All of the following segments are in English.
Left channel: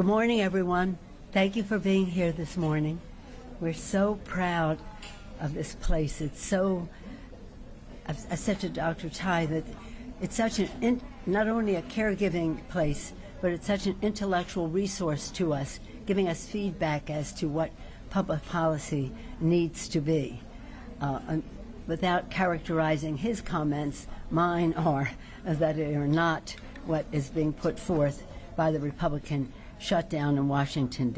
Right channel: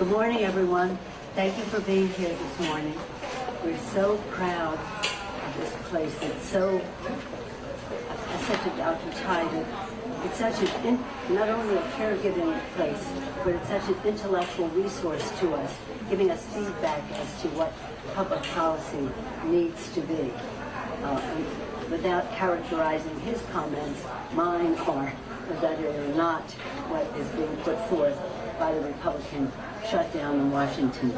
Good morning, everyone. Thank you for being here this morning. We're so proud of this place. It's so, I said to Dr. Ty that it's such not only a caregiving place, but it's such an intellectual resource to us, giving us feedback as to what public policy needs to be. Without characterizing his comments, mine are that they are not what is being put forth by the Republican shutdown in Washington,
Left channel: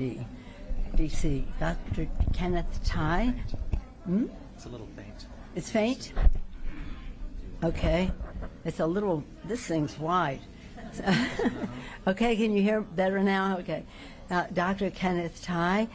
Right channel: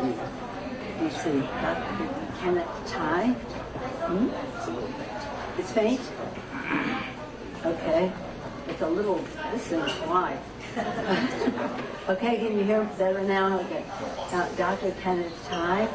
D.C. Dr. Kenneth Ty? It's faint? Okay. It's a little, this thing's wide. Okay, can you hear better now? Okay. Dr. Kenneth Ty,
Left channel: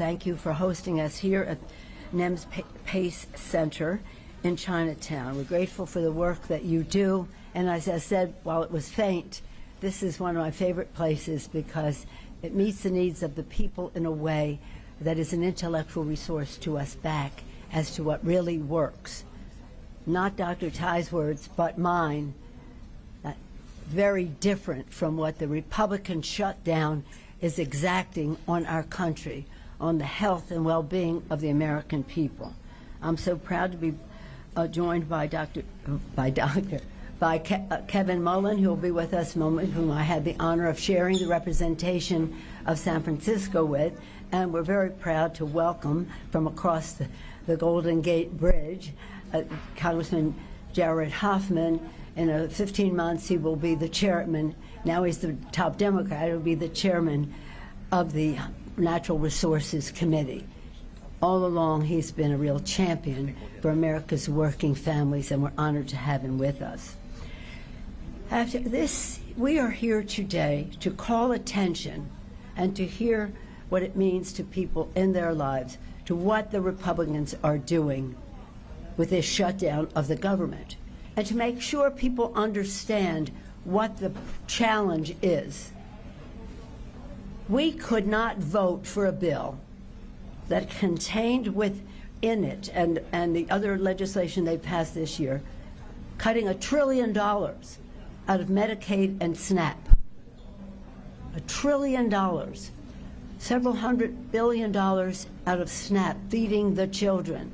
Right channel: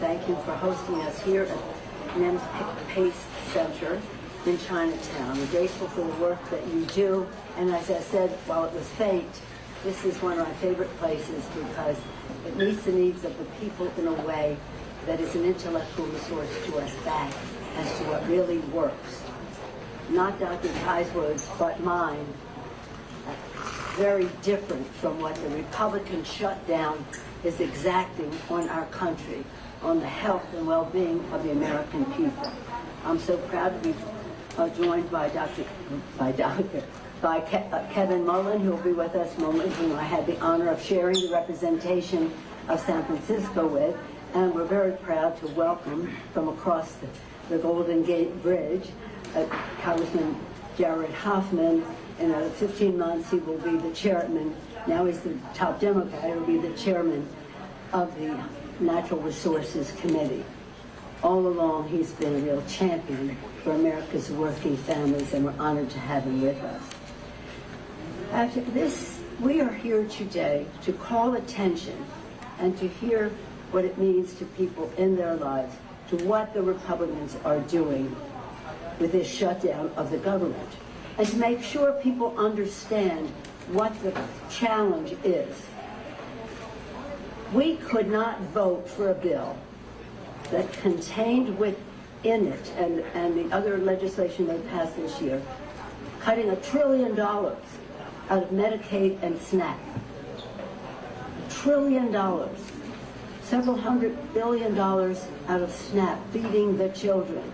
thank you for hosting us here at NEM's Pace Center in Chinatown. I'm grateful for the work that you do, and as I said, while it was faint, this is one of my favorite places because it meets the needs of the people in a way that is an intellectual resource to us back as to what really works. Not Dr. Ty's words, but mine. Very different from what the Republican shutdown is exacting on our country, on the health and well-being of the American people. I'm so proud to be joined by Kevin Mullin, who will be with us momentarily, whom I had the honor of sharing the representation of San Francisco with, and we're very proud to welcome from across the Golden Gate Bridge, Congressman Jared Huffman. In 15 months, he will be the chairman. Now he's the top Democrat. He'll be the chairman of the Natural Resources Committee. All along, he's been a real champion for America's working families, and we're honored to have him with us. After this, we are here today to call attention and to hear what it means to people in their lives, to what the Republicans are doing with this shutdown of the government, and to make sure people understand what the challenge is. We could not vote for a bill that contained within it, and the other legislation they've passed this year, cutting $1 trillion out of Medicaid and SNAP. $1 trillion. Several $100 billion out of SNAP, feeding the children.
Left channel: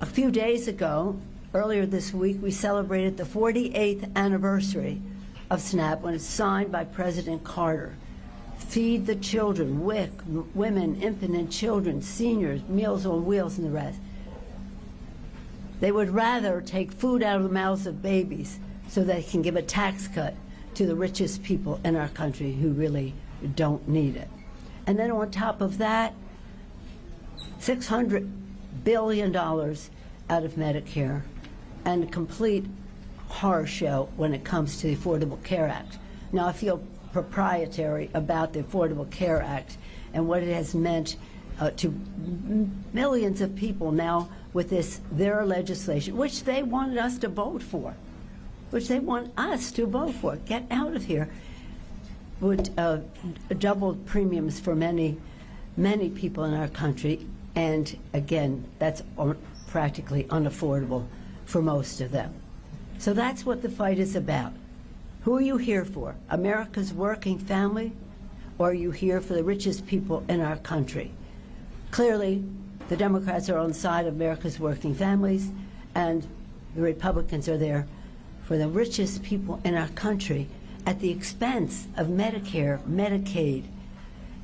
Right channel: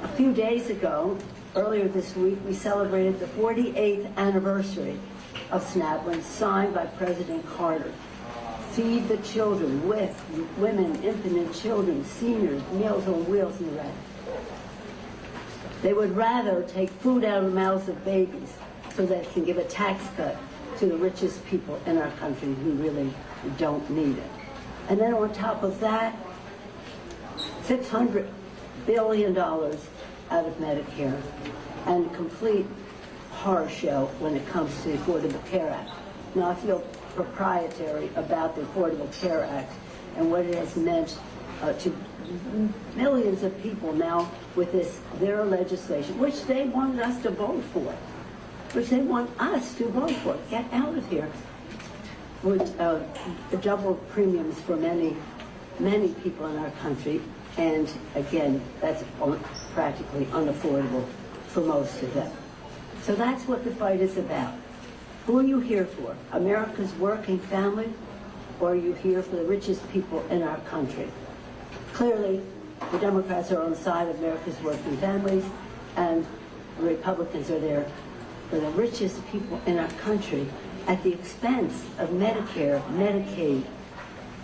A few days ago, earlier this week, we celebrated the 48th anniversary of SNAP when signed by President Carter. Feed the children, with women, infant children, seniors, Meals on Wheels, and the rest. They would rather take food out of the mouths of babies so they can give a tax cut to the richest people in our country who really don't need it. And then on top of that, $600 billion out of Medicare, and a complete horror show when it comes to the Affordable Care Act. Now, I feel proprietary about the Affordable Care Act and what it has meant to millions of people now with their legislation, which they wanted us to vote for, Get out of here. Would double premiums for many, many people in our country, and again, that's practically unaffordable for most of them. So that's what the fight is about. Who are you here for? America's working family, or are you here for the richest people in our country? Clearly, the Democrats are on the side of America's working families, and the Republicans are there for the richest people in our country at the expense of Medicare, Medicaid,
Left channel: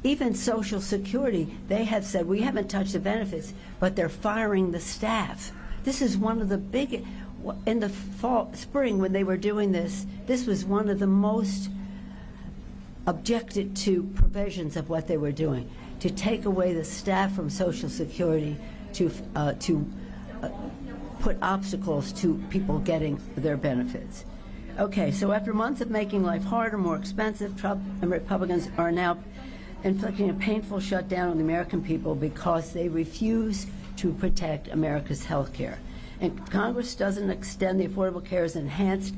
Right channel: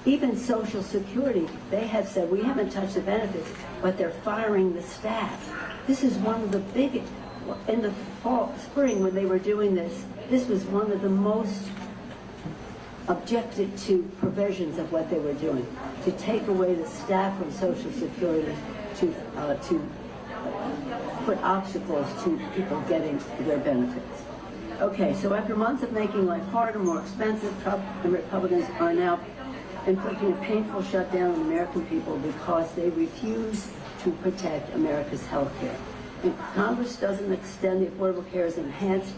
even Social Security. They have said, we haven't touched the benefits, but they're firing the staff. This is one of the biggest, in the spring when they were doing this, this was one of the most objected to provisions of what they were doing, to take away the staff from Social Security, to put obstacles to people getting their benefits. Okay, so after months of making life harder, more expensive, Trump and Republicans are now inflicting a painful shutdown on the American people because they refuse to protect America's health care. And Congress doesn't extend the Affordable Care's enhanced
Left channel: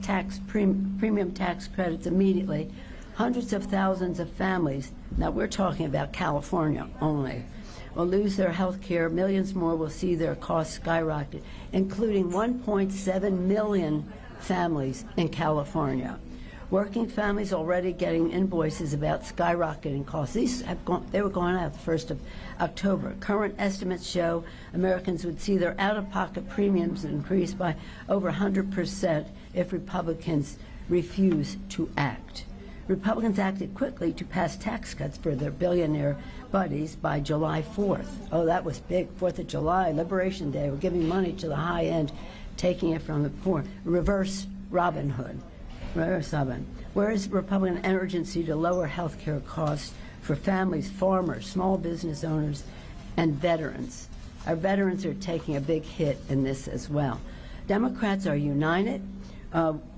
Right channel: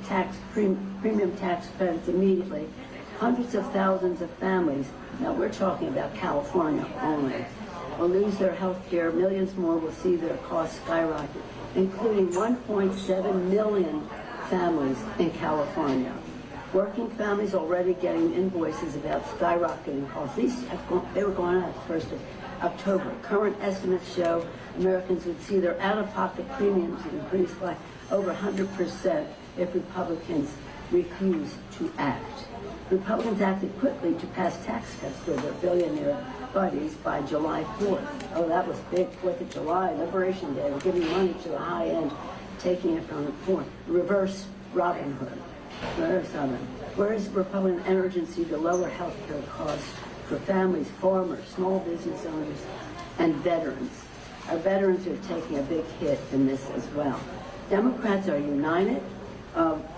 premium tax credits immediately. Hundreds of thousands of families, now we're talking about California only, will lose their health care. Millions more will see their costs skyrocket, including 1.7 million families in California. Working families already getting invoices about skyrocketing costs. They were going out the 1st of October. Current estimates show Americans would see their out-of-pocket premiums increase by over 100% if Republicans refuse to act. Republicans acted quickly to pass tax cuts for their billionaire buddies by July 4th. Oh, that was big, 4th of July, Liberation Day. We're giving money to the high end, taking it from the poor. Reverse Robin Hood. Where's Republican urgency to lower health care costs for families, farmers, small business owners, and veterans? Our veterans are taking a big hit in this as well. Democrats are united.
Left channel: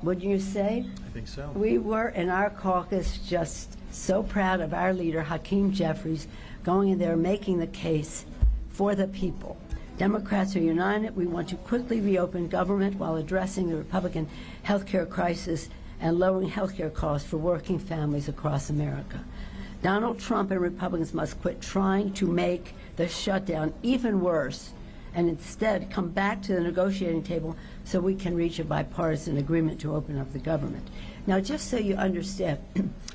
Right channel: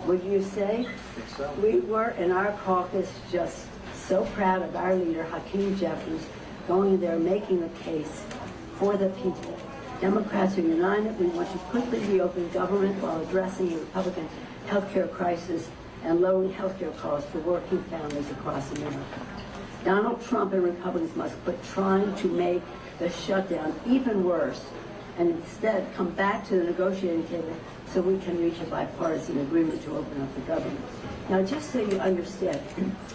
Would you say? I think so. We were in our caucus just so proud of our leader, Hakeem Jeffries, going in there making the case for the people. Democrats are united. We want to quickly reopen government while addressing the Republican health care crisis and lowering health care costs for working families across America. Donald Trump and Republicans must quit trying to make the shutdown even worse and instead come back to the negotiating table so we can reach a bipartisan agreement to open up the government. Now, just so you understand,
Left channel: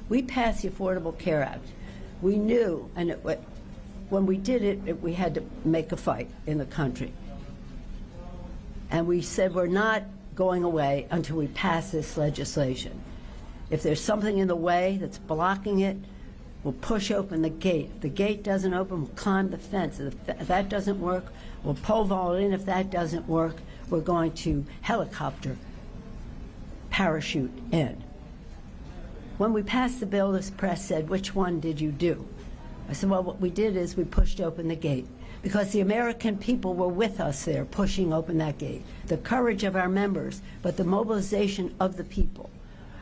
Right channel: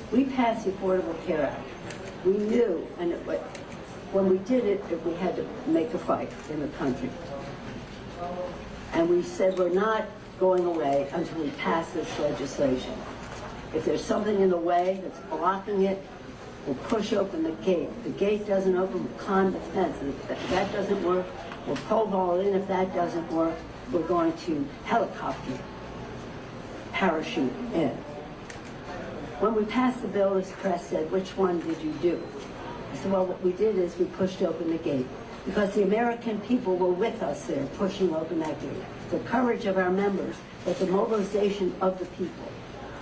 we passed the Affordable Care Act. We knew, and when we did it, we had to make a fight in the country. And we said we're not going away until we pass this legislation. If there's something in the way that's blocking it, we'll push open the gate. If the gate doesn't open, we'll climb the fence. If that doesn't work, we'll pole vault it in. If that doesn't work, we're going to helicopter parachute in. When we passed the bill, this press said, which one did you do? I said, well, what we did is we pushed open the gate because the American people were with us there pushing open that gate. The courage of our members, but the mobilization of the people.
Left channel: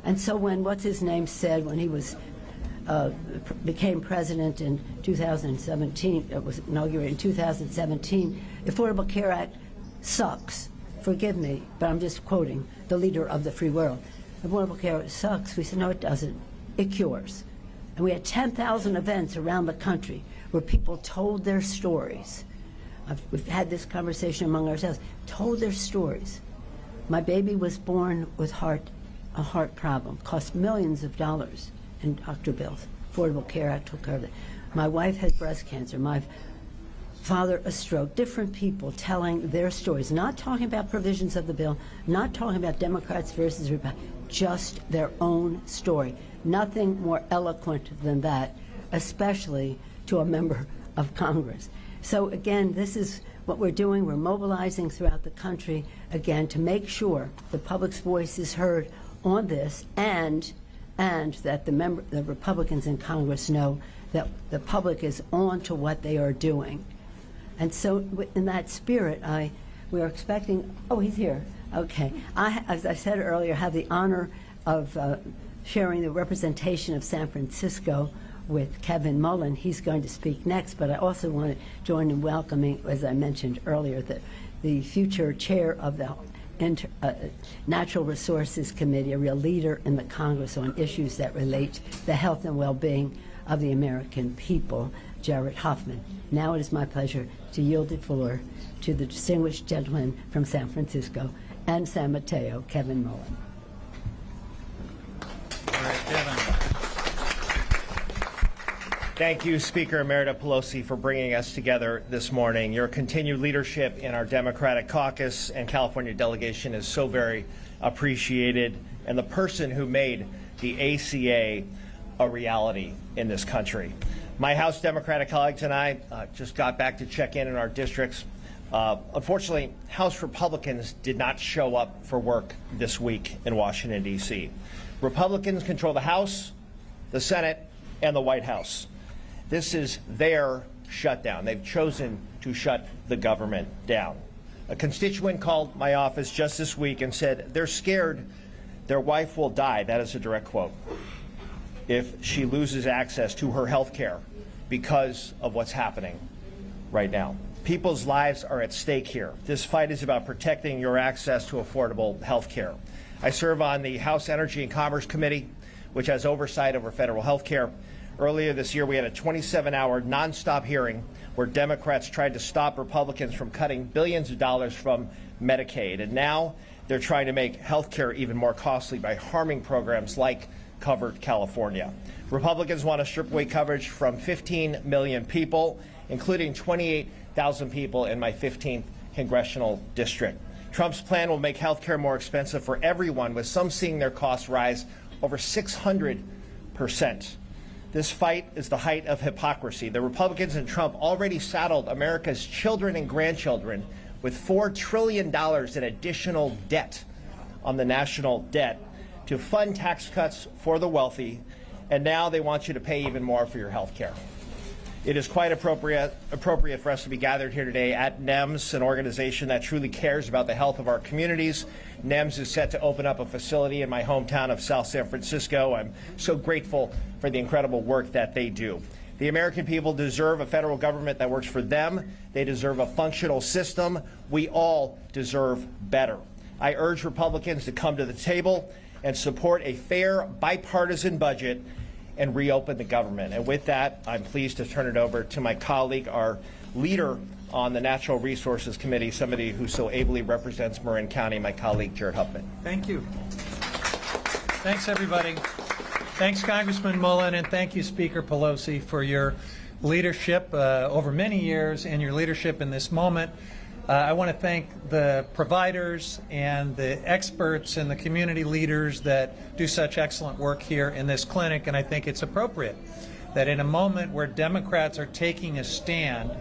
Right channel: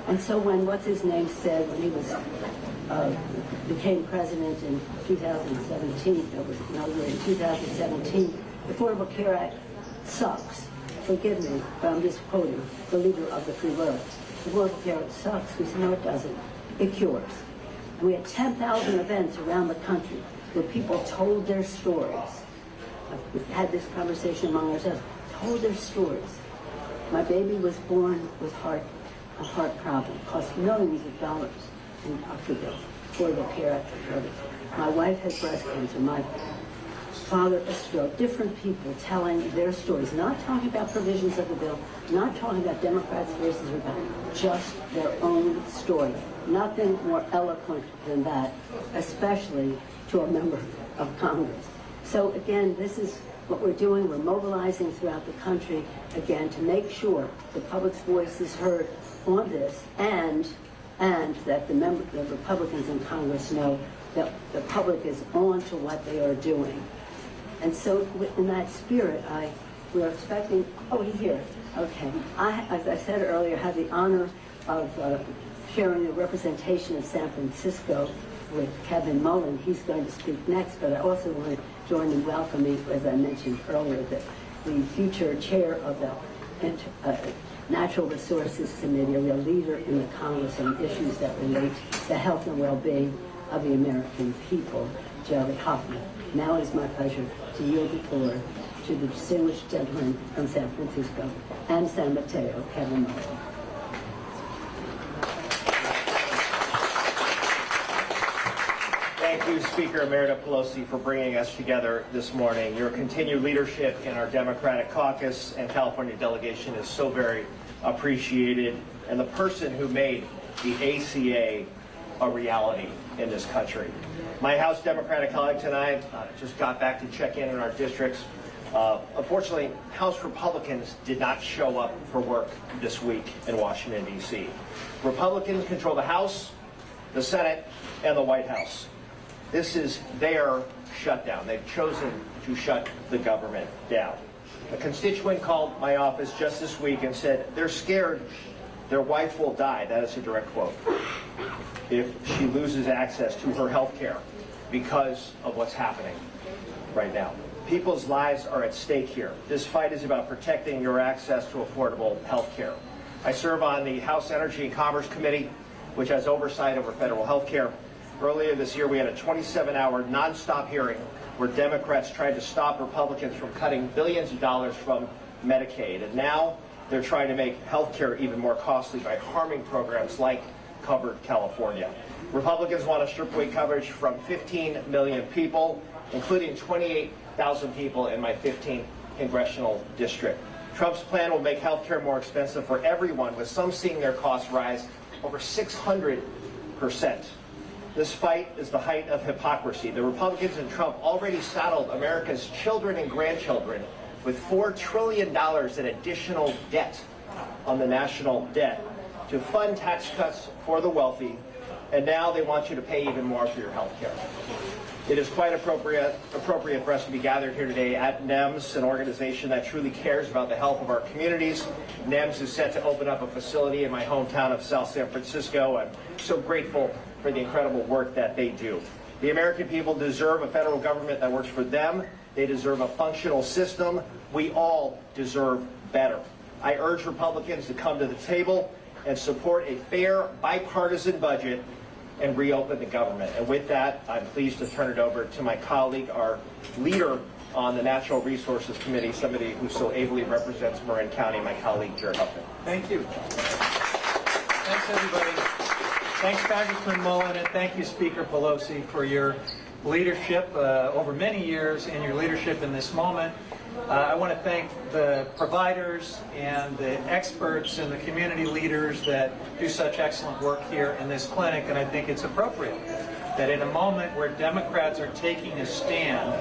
And so when, what's his name said when he was became president in 2017, it was inaugurated in 2017, the Affordable Care Act sucks. Forgive me, but I'm just quoting the leader of the free world. The Affordable Care Act sucks. We said, no, it doesn't. It cures. And we had 10,000 events around the country where people told their stories. We've had this conversation among ourselves, told their stories. My baby was born with a heart problem, cost millions of dollars in doctor bills. Affordable Care Act took care of it. My wife had breast cancer. My father a stroke. Different people telling their stories, not talking about provisions of the bill, not talking about Democrats versus Republicans, just their own story. Nothing more eloquent than that, especially to a member of Congress. So again, this is what we're doing. We're mobilizing throughout the country, again, to make sure the public's voice is heard on this, and that the Republicans in Congress know that the public is on to what they are doing. And so in that spirit, we're expecting, oh, he's here. Okay. As I said earlier, had the honor of sharing the representation of San Francisco with Kevin Mullin. He's going to speak next, but I also want to join in welcoming, as I mentioned earlier, the future chair of the Natural Resources Committee, a real leader in the Congress on issues that relate to the health and well-being of the American people, Jared Huffman. Now it is my pleasure to yield the floor to the distinguished gentleman from San Francisco and San Mateo, Kevin Mullin. Thank you, Speaker Emerita Pelosi, for bringing us together this morning. Your continued leadership in our Democratic caucus and California delegation is so very appreciated, and the person who made the ACA a reality in this country. My House Democratic colleague tonight just got back to check in our districts. Unfortunately, House Republicans did not show up for work this week in Washington, D.C. Republicans control the House, the Senate, and the White House. This is their shutdown. They've chosen to shut the government down. A constituent called my office just this week and said they're scared their wife will die, that is a direct quote, if she loses access to her health care because of what's happening right now. People's lives are at stake here. This fight is about protecting your access to affordable health care. I serve on the House Energy and Commerce Committee, which has oversight over federal health care. Earlier this year, we had a 27-hour nonstop hearing where Democrats tried to stop Republicans from cutting billions of dollars from Medicaid. And now they're trying to make health care even more costly by harming programs like Covered California. Republicans want to strip away coverage from 15 million people, including 28,000 people in my 15th congressional district. Trump's plan will make health care more expensive for everyone, with some seeing their costs rise over 600%. This fight is the height of hypocrisy. The Republicans and Trump already saddled America's children and grandchildren with $4 trillion in additional debt on the national debt to fund tax cuts for the wealthy, and now they want you to pay even more for your health care. It is quite appropriate for us to be gathered here today at NEMS, an organization that truly cares about the health of our communities. NEMS is set to open up a facility in my hometown of South San Francisco. I'm so grateful for the incredible work that they do. The American people deserve a federal government that works for them. They deserve a functional system. We all deserve better. I urge Republicans to come to the table and support a fair, bipartisan budget and reopen the government. And with that, I'm pleased to turn it over to my colleague, our leader on the Natural Resources Committee, somebody who so ably represents Marin County, my colleague, Jared Huffman. Thank you. Thanks, everybody. Thanks, Congressman Mullin, and thank you, Speaker Pelosi, for your leadership over many years and your leadership in this moment. I want to thank the providers and the experts and the community leaders that do such excellent work here in this clinic, and I think it's appropriate that in a moment where Democrats are taking a stand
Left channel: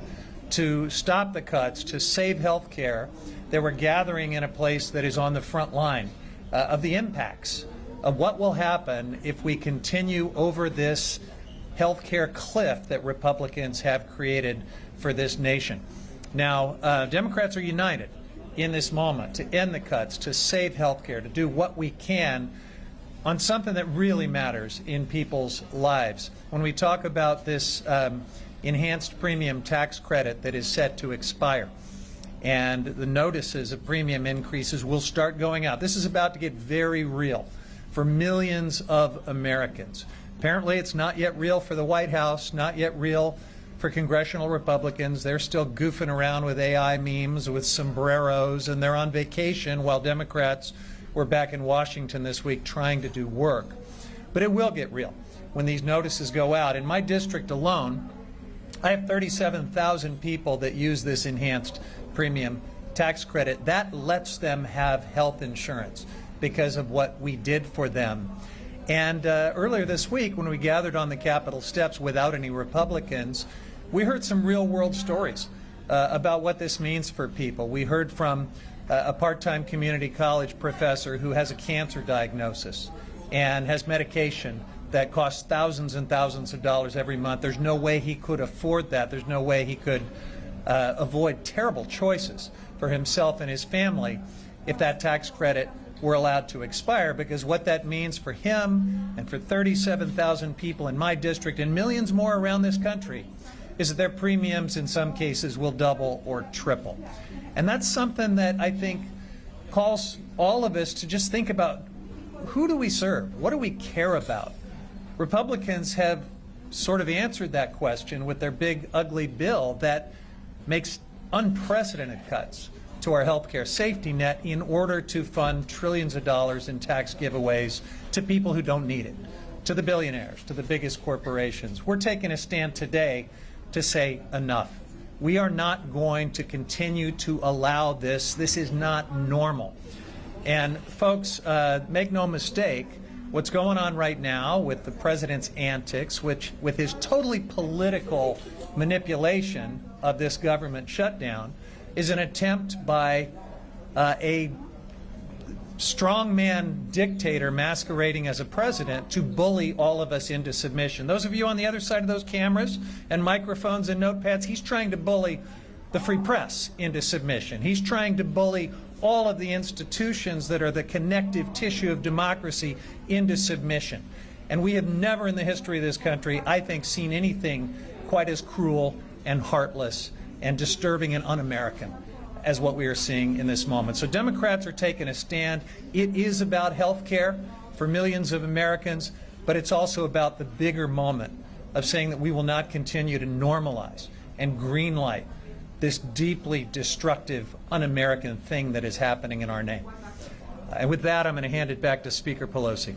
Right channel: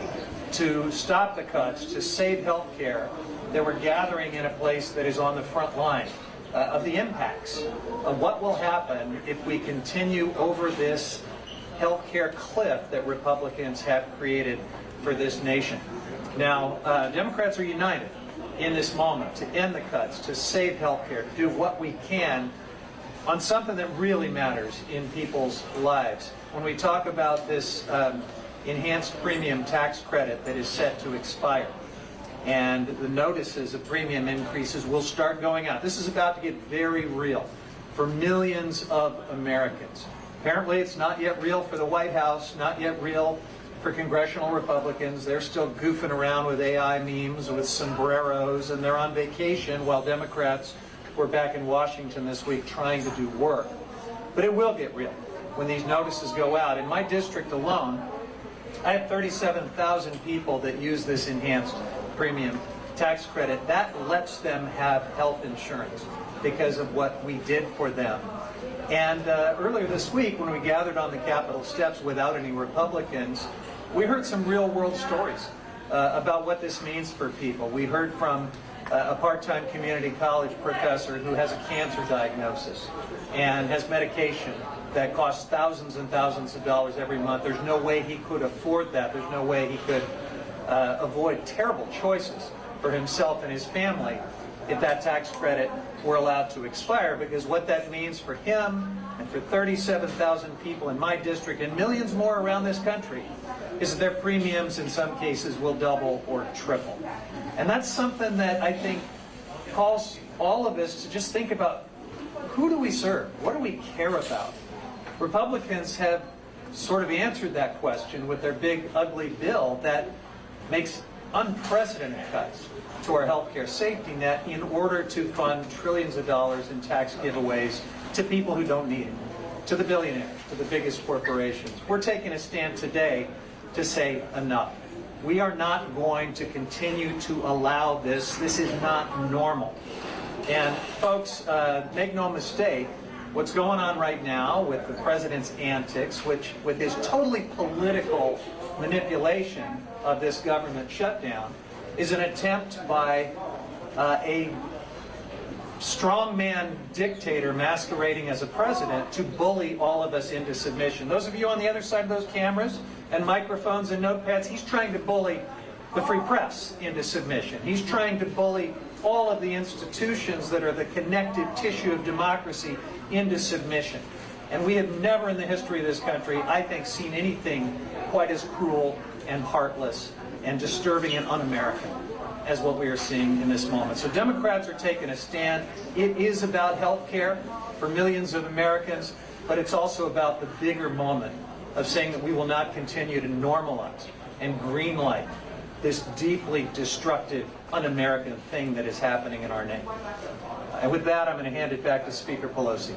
to stop the cuts, to save health care, that we're gathering in a place that is on the front line of the impacts of what will happen if we continue over this health care cliff that Republicans have created for this nation. Now, Democrats are united in this moment to end the cuts, to save health care, to do what we can on something that really matters in people's lives. When we talk about this enhanced premium tax credit that is set to expire, and the notices of premium increases will start going out. This is about to get very real for millions of Americans. Apparently it's not yet real for the White House, not yet real for congressional Republicans. They're still goofing around with AI memes with sombreros, and they're on vacation while Democrats were back in Washington this week trying to do work. But it will get real when these notices go out. In my district alone, I have 37,000 people that use this enhanced premium tax credit. That lets them have health insurance because of what we did for them. And earlier this week, when we gathered on the Capitol steps without any Republicans, we heard some real-world stories about what this means for people. We heard from a part-time community college professor who has a cancer diagnosis and has medication that costs thousands and thousands of dollars every month. There's no way he could afford that. There's no way he could avoid terrible choices for himself and his family if that tax credit were allowed to expire, because what that means for him and for 37,000 people in my district and millions more around this country is that their premiums in some cases will double or triple. And that's something that I think calls all of us to just think about, who do we serve? What do we care about? Republicans have sort of answered that question with their big ugly bill that makes unprecedented cuts to our healthcare safety net in order to fund trillions of dollars in tax giveaways to people who don't need it, to the billionaires, to the biggest corporations. We're taking a stand today to say enough. We are not going to continue to allow this. This is not normal. And folks, make no mistake, what's going on right now with the president's antics, which with his totally political manipulation of this government shutdown, is an attempt by a strongman dictator masquerading as a president to bully all of us into submission. Those of you on the other side of those cameras and microphones and notepads, he's trying to bully the free press into submission. He's trying to bully all of the institutions that are the connective tissue of democracy into submission. And we have never in the history of this country, I think, seen anything quite as cruel and heartless and disturbing and un-American as what we are seeing in this moment. So Democrats are taking a stand. It is about health care for millions of Americans, but it's also about the bigger moment of saying that we will not continue to normalize and greenlight this deeply destructive, un-American thing that is happening in our name. And with that, I'm going to hand it back to Speaker Pelosi.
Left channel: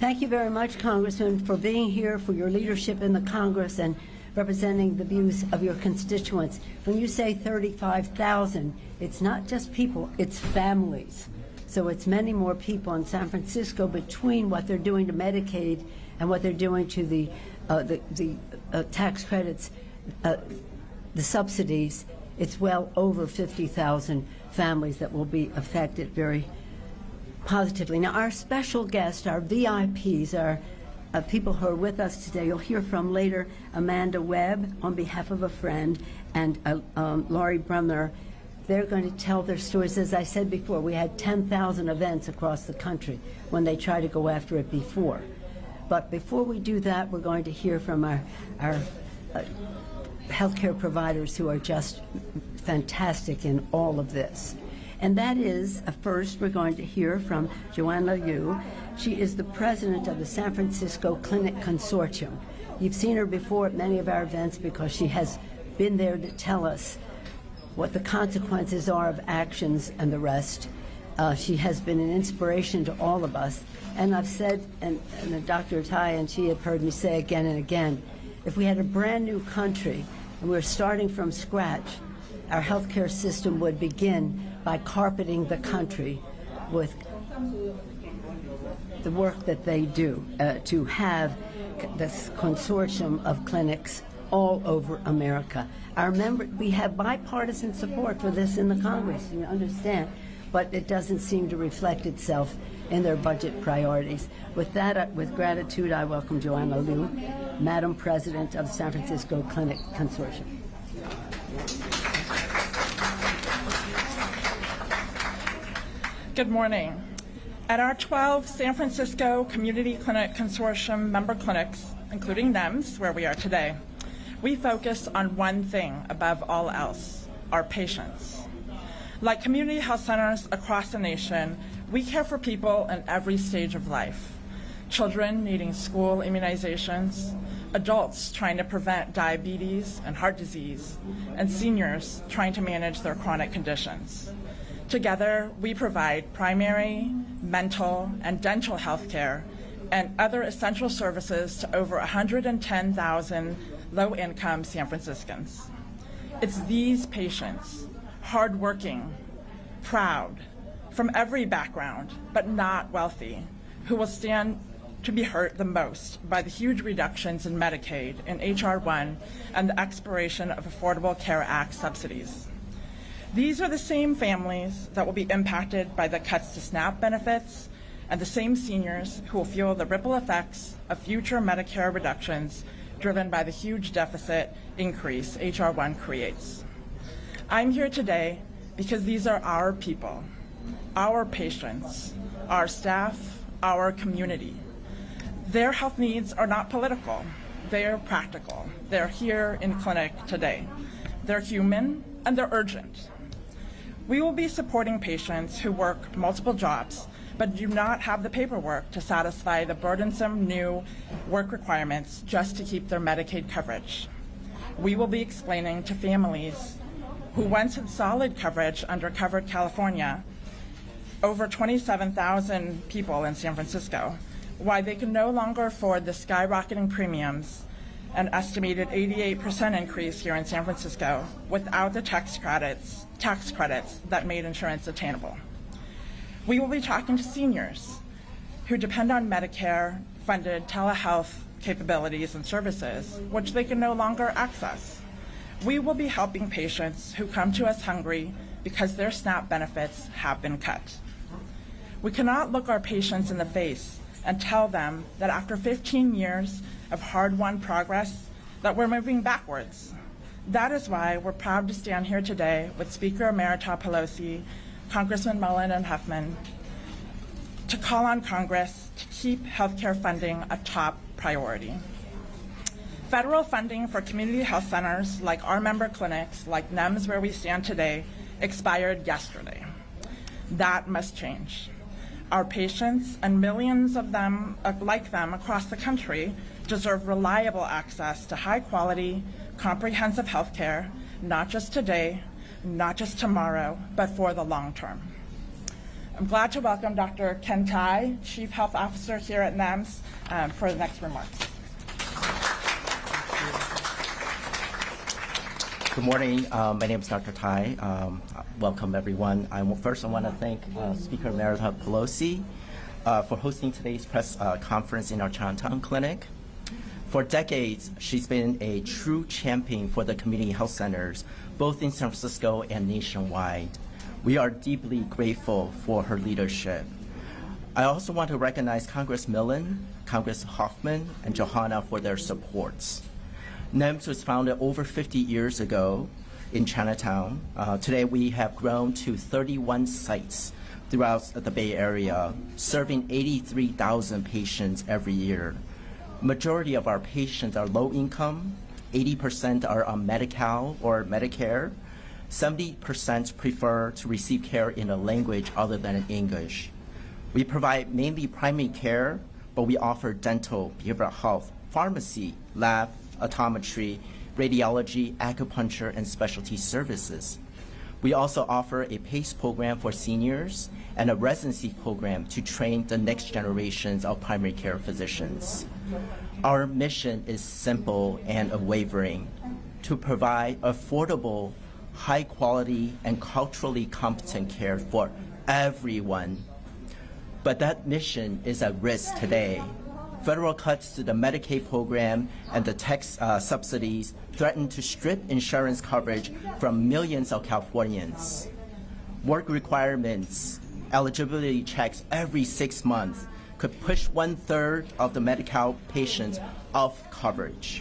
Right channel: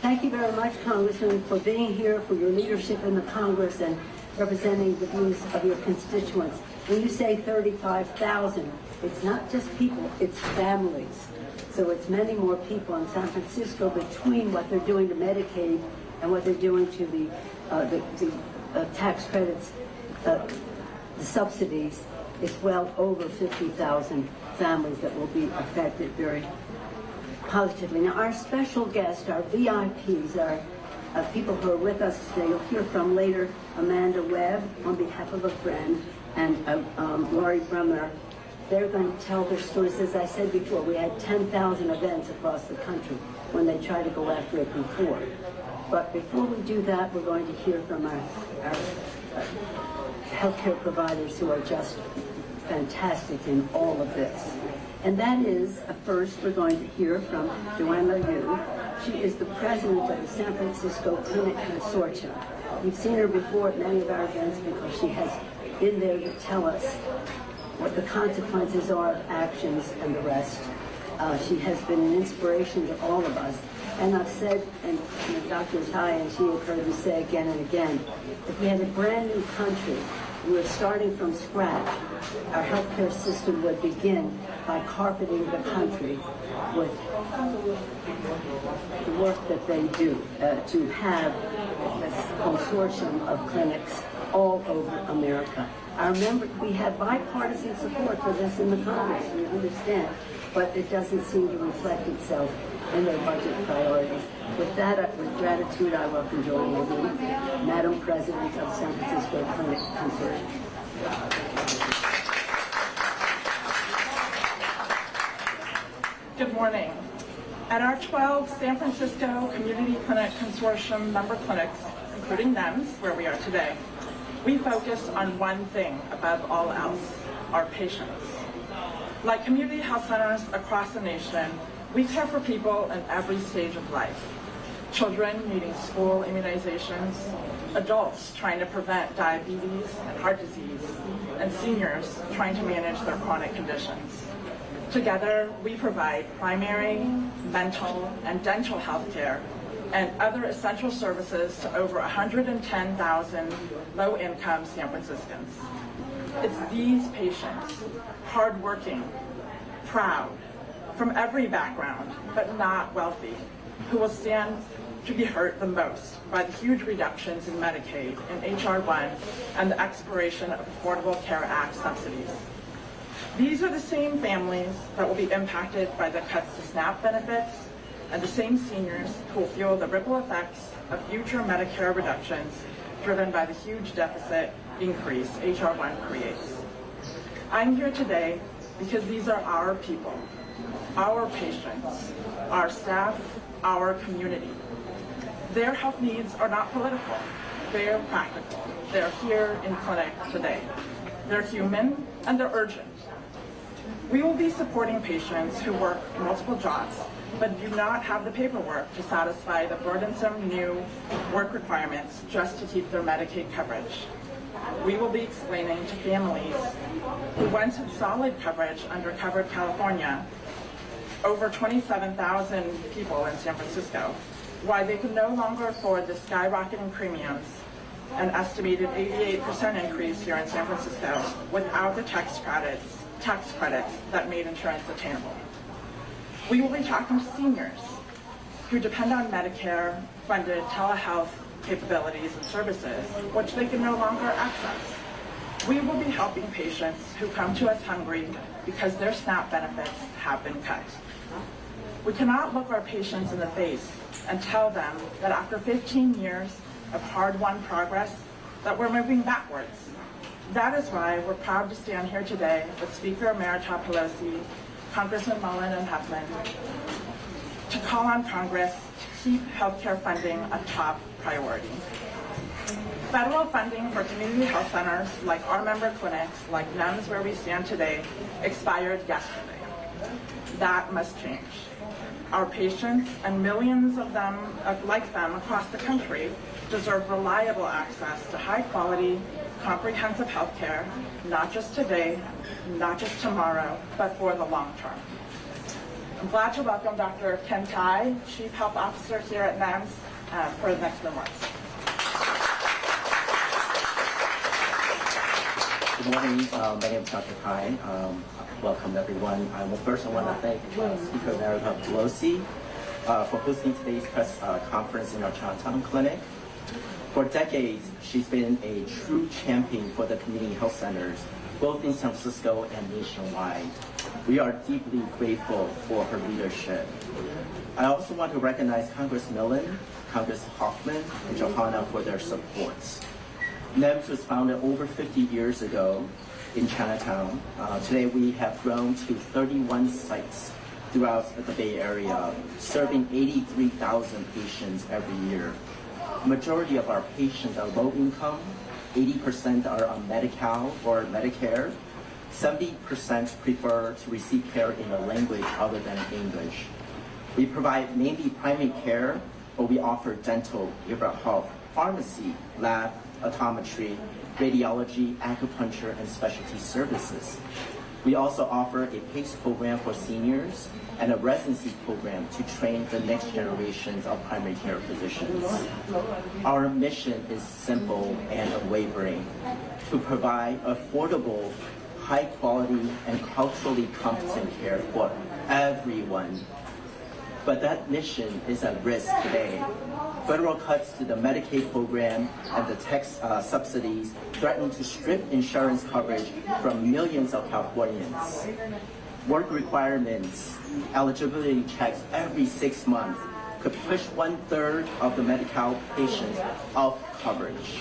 Thank you very much, Congressman, for being here, for your leadership in the Congress and representing the views of your constituents. When you say 35,000, it's not just people, it's families. So it's many more people in San Francisco between what they're doing to Medicaid and what they're doing to the tax credits, the subsidies. It's well over 50,000 families that will be affected very positively. Now, our special guests, our VIPs, are people who are with us today. You'll hear from later Amanda Webb on behalf of a friend and Laurie Brumner. They're going to tell their stories. As I said before, we had 10,000 events across the country when they tried to go after it before. But before we do that, we're going to hear from our healthcare providers who are just fantastic in all of this. And that is, first, we're going to hear from Joanna Liu. She is the president of the San Francisco Clinic Consortium. You've seen her before at many of our events because she has been there to tell us what the consequences are of actions and the rest. She has been an inspiration to all of us. And I've said, and Dr. Tai and she have heard me say again and again, if we had a brand new country, we're starting from scratch, our healthcare system would begin by carpeting the country with the work that they do to have this consortium of clinics all over America. We have bipartisan support for this in the Congress, you understand, but it doesn't seem to reflect itself in their budget priorities. With that, with gratitude, I welcome Joanna Liu, Madam President of San Francisco Clinic Consortium. Good morning. At our 12 San Francisco Community Clinic Consortium member clinics, including NEMS, where we are today, we focus on one thing above all else, our patients. Like community health centers across the nation, we care for people in every stage of life. Children needing school immunizations, adults trying to prevent diabetes and heart disease, and seniors trying to manage their chronic conditions. Together, we provide primary, mental, and dental health care and other essential services to over 110,000 low-income San Franciscans. It's these patients, hardworking, proud, from every background, but not wealthy, who will stand to be hurt the most by the huge reductions in Medicaid in H.R. 1 and the expiration of Affordable Care Act subsidies. These are the same families that will be impacted by the cuts to SNAP benefits and the same seniors who will feel the ripple effects of future Medicare reductions driven by the huge deficit increase H.R. 1 creates. I'm here today because these are our people, our patients, our staff, our community. Their health needs are not political, they're practical. They're here in clinic today. They're human and they're urgent. We will be supporting patients who work multiple jobs but do not have the paperwork to satisfy the burdensome new work requirements just to keep their Medicaid coverage. We will be explaining to families who once had solid coverage under Covered California, over 27,000 people in San Francisco, why they can no longer afford the skyrocketing premiums, an estimated 88% increase here in San Francisco, without the tax credits that made insurance attainable. We will be talking to seniors who depend on Medicare-funded telehealth capabilities and services, which they can no longer access. We will be helping patients who come to us hungry because their SNAP benefits have been cut. We cannot look our patients in the face and tell them that after 15 years of hard-won progress, that we're moving backwards. That is why we're proud to stand here today with Speaker Emerita Pelosi, Congressman Mullin and Huffman, to call on Congress to keep healthcare funding a top priority. Federal funding for community health centers, like our member clinics, like NEMS where we stand today, expired yesterday. That must change. Our patients and millions of them, like them across the country, deserve reliable access to high-quality, comprehensive health care, not just today, not just tomorrow, but for the long term. I'm glad to welcome Dr. Ken Tai, Chief Health Officer here at NEMS, for the next remarks. Good morning. My name is Dr. Tai. Welcome, everyone. First, I want to thank Speaker Nancy Pelosi for hosting today's press conference in our Chinatown clinic. For decades, she's been a true champion for the community health centers, both in San Francisco and nationwide. We are deeply grateful for her leadership. I also want to recognize Congress Mullin, Congress Huffman, and Johanna for their supports. NEMS was founded over 50 years ago in Chinatown. Today we have grown to 31 sites throughout the Bay Area, serving 83,000 patients every year. Majority of our patients are low income, 80% are on Medi-Cal or Medicare, 70% prefer to receive care in a language other than English. We provide mainly primary care, but we offer dental, behavioral health, pharmacy, lab, optometry, radiology, acupuncture, and specialty services. We also offer a PACE program for seniors and a residency program to train the next generations of primary care physicians. Our mission is simple and unwavering: to provide affordable, high quality, and culturally competent care for everyone. But that mission is at risk today. Federal cuts to the Medicaid program and the tax subsidies threaten to strip insurance coverage from millions of Californians. Work requirements, eligibility checks every 6 months could push 1/3 of the Medi-Cal patients off coverage.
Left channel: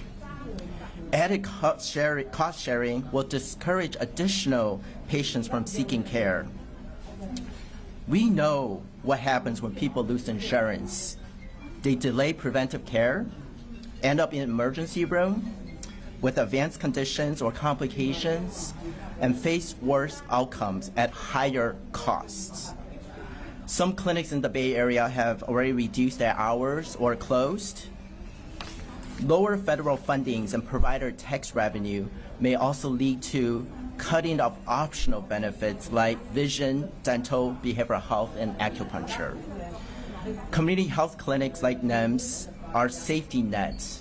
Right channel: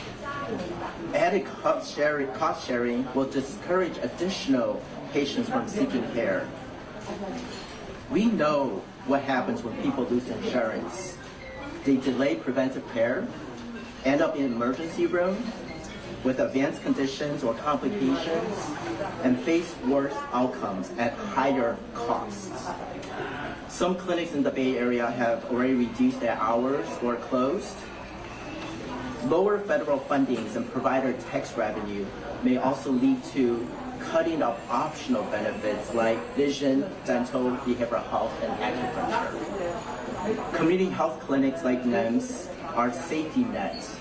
Added cost sharing will discourage additional patients from seeking care. We know what happens when people lose insurance. They delay preventive care, end up in emergency room with advanced conditions or complications, and face worse outcomes at higher costs. Some clinics in the Bay Area have already reduced their hours or closed. Lower federal fundings and provider tax revenue may also lead to cutting of optional benefits like vision, dental, behavioral health, and acupuncture. Community health clinics like NEMS are safety nets.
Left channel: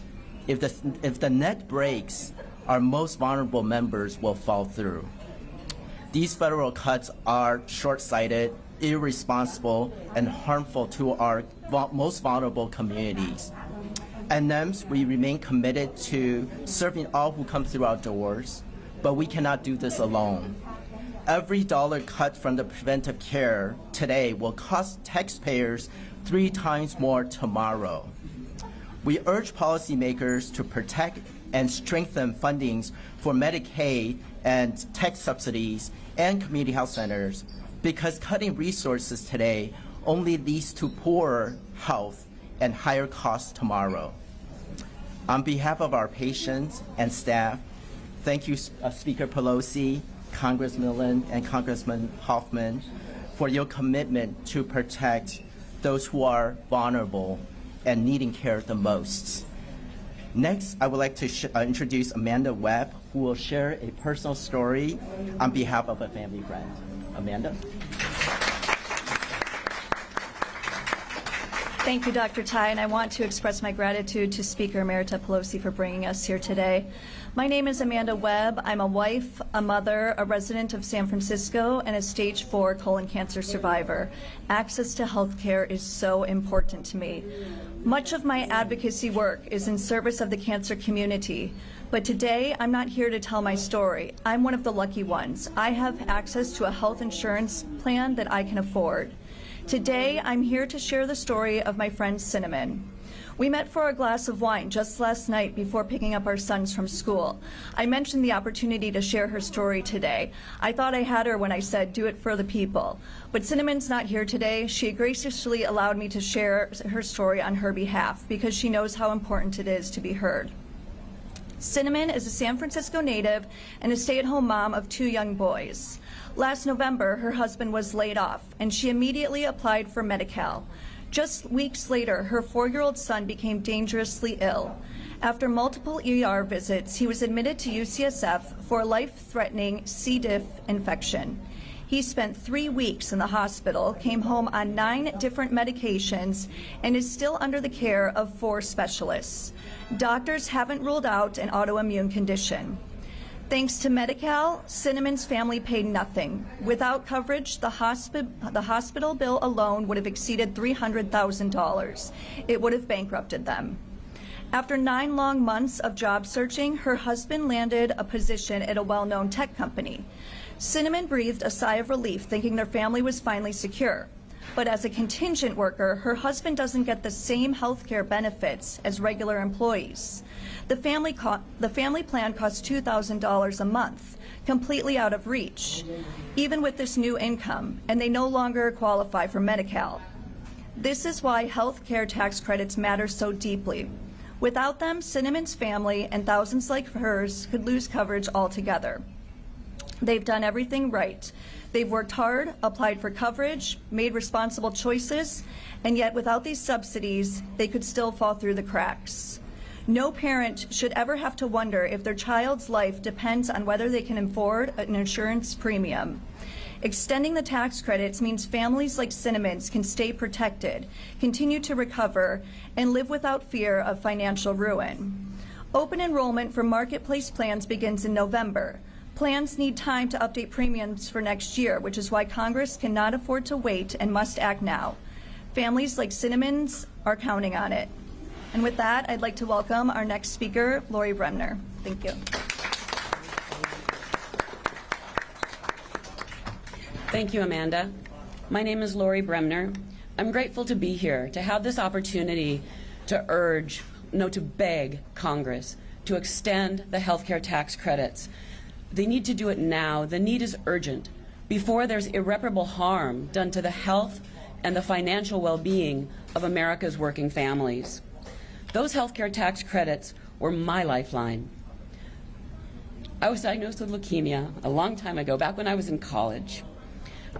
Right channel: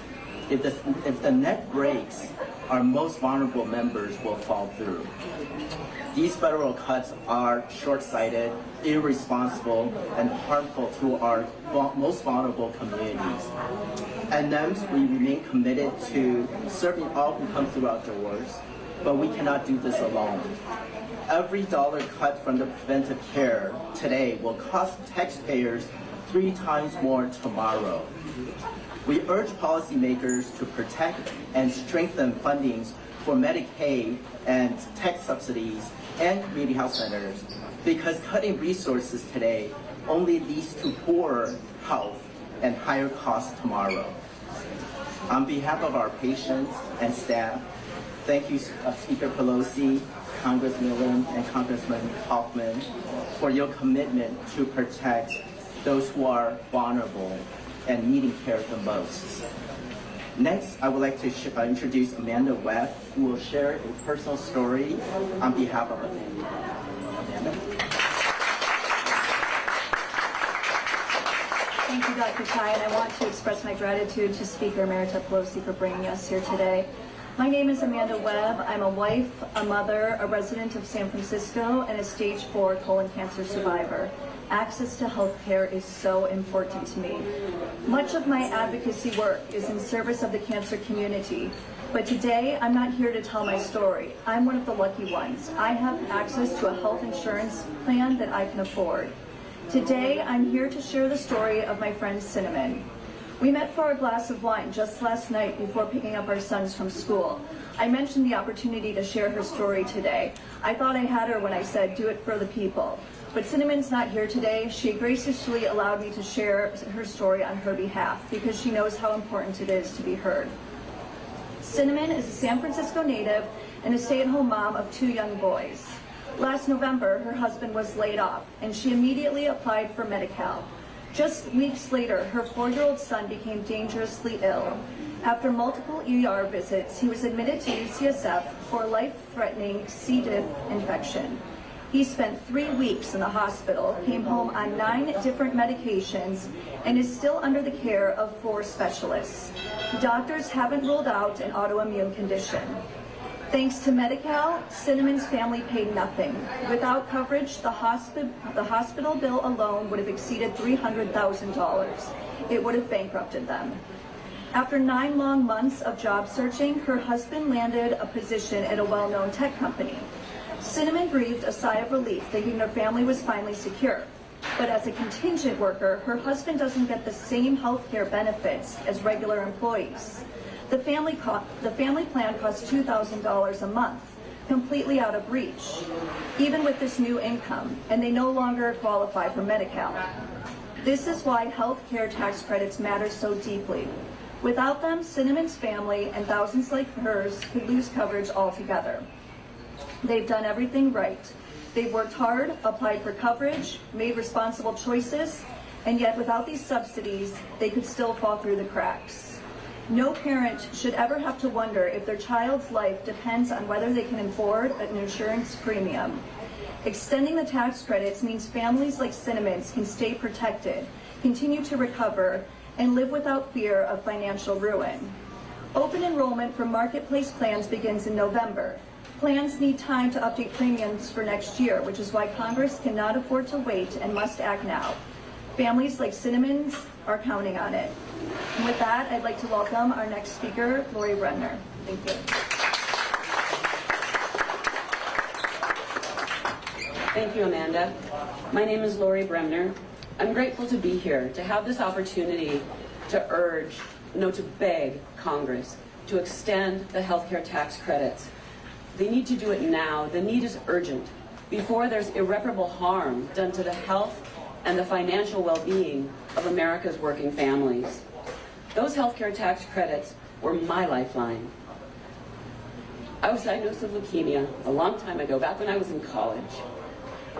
If the net breaks, our most vulnerable members will fall through. These federal cuts are short-sighted, irresponsible, and harmful to our most vulnerable communities. At NEMS, we remain committed to serving all who come through our doors, but we cannot do this alone. Every dollar cut from the preventive care today will cost taxpayers 3 times more tomorrow. We urge policymakers to protect and strengthen fundings for Medicaid and tax subsidies and community health centers, because cutting resources today only leads to poorer health and higher costs tomorrow. On behalf of our patients and staff, thank you, Speaker Pelosi, Congressman Mullin, and Congressman Huffman, for your commitment to protect those who are vulnerable and needing care the most. Next, I would like to introduce Amanda Webb, who will share a personal story on behalf of a family. Amanda? Thank you, Dr. Tai, and I want to express my gratitude to Speaker Emerita Pelosi for bringing us here today. My name is Amanda Webb. I'm a wife, a mother, a resident of San Francisco, and a stage 4 colon cancer survivor. Access to health care is so important to me. Much of my advocacy work is in service of the cancer community, but today I'm not here to tell my story. I'm one of the lucky ones. I have access to a health insurance plan that I can afford. Today I'm here to share the story of my friend Cinnamon. We met for a glass of wine just last night before picking up our sons from school. I mentioned the opportunity to share her story today. I thought I had her when I said, do it for the people. But Cinnamon's not here today. She graciously allowed me to share her story on her behalf because she knows how important it is to be heard. Cinnamon is a San Francisco native and a stay-at-home mom of 2 young boys. Last November, her husband was laid off, and she immediately applied for Medi-Cal. Just weeks later, her 4-year-old son became dangerously ill. After multiple ER visits, he was admitted to UCSF for a life-threatening C. diff infection. He spent 3 weeks in the hospital, came home on 9 different medications, and is still under the care of 4 specialists. Doctors haven't ruled out an autoimmune condition. Thanks to Medi-Cal, Cinnamon's family paid nothing. Without coverage, the hospital bill alone would have exceeded $300,000. It would have bankrupted them. After 9 long months of job searching, her husband landed a position at a well-known tech company. Cinnamon breathed a sigh of relief, thinking their family was finally secure. But as a contingent worker, her husband doesn't get the same health care benefits as regular employees. The family plan costs $2,000 a month, completely out of reach, even with this new income, and they no longer qualify for Medi-Cal. This is why health care tax credits matter so deeply. Without them, Cinnamon's family and thousands like hers could lose coverage altogether. They've done everything right. They've worked hard, applied for coverage, made responsible choices, and yet without these subsidies, they could still fall through the cracks. No parent should ever have to wonder if their child's life depends on whether they can afford an insurance premium. Extending the tax credits means families like Cinnamon's can stay protected, continue to recover, and live without fear of financial ruin. Open enrollment for Marketplace plans begins in November. Plans need time to update premiums for next year, which is why Congress cannot afford to wait and must act now. Families like Cinnamon's are counting on it. And with that, I'd like to welcome our next speaker, Lori Bremner. Thank you. Thank you, Amanda. My name is Lori Bremner. I'm grateful to be here, to have this opportunity to beg Congress to extend the healthcare tax credits. They need to do it now. The need is urgent, before there's irreparable harm done to the health and the financial well-being of America's working families. Those healthcare tax credits were my lifeline. I was diagnosed with leukemia a long time ago, back when I was in college.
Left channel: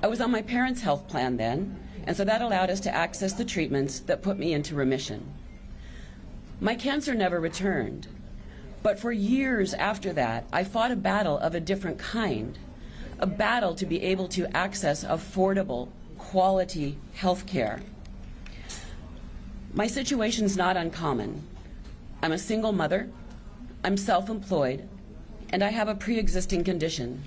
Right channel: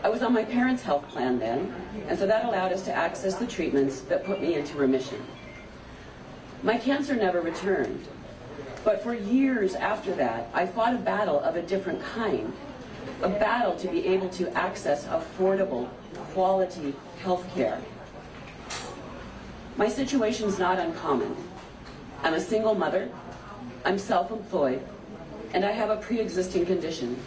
I was on my parents' health plan then, and so that allowed us to access the treatments that put me into remission. My cancer never returned, but for years after that, I fought a battle of a different kind, a battle to be able to access affordable, quality health care. My situation is not uncommon. I'm a single mother, I'm self-employed, and I have a pre-existing condition.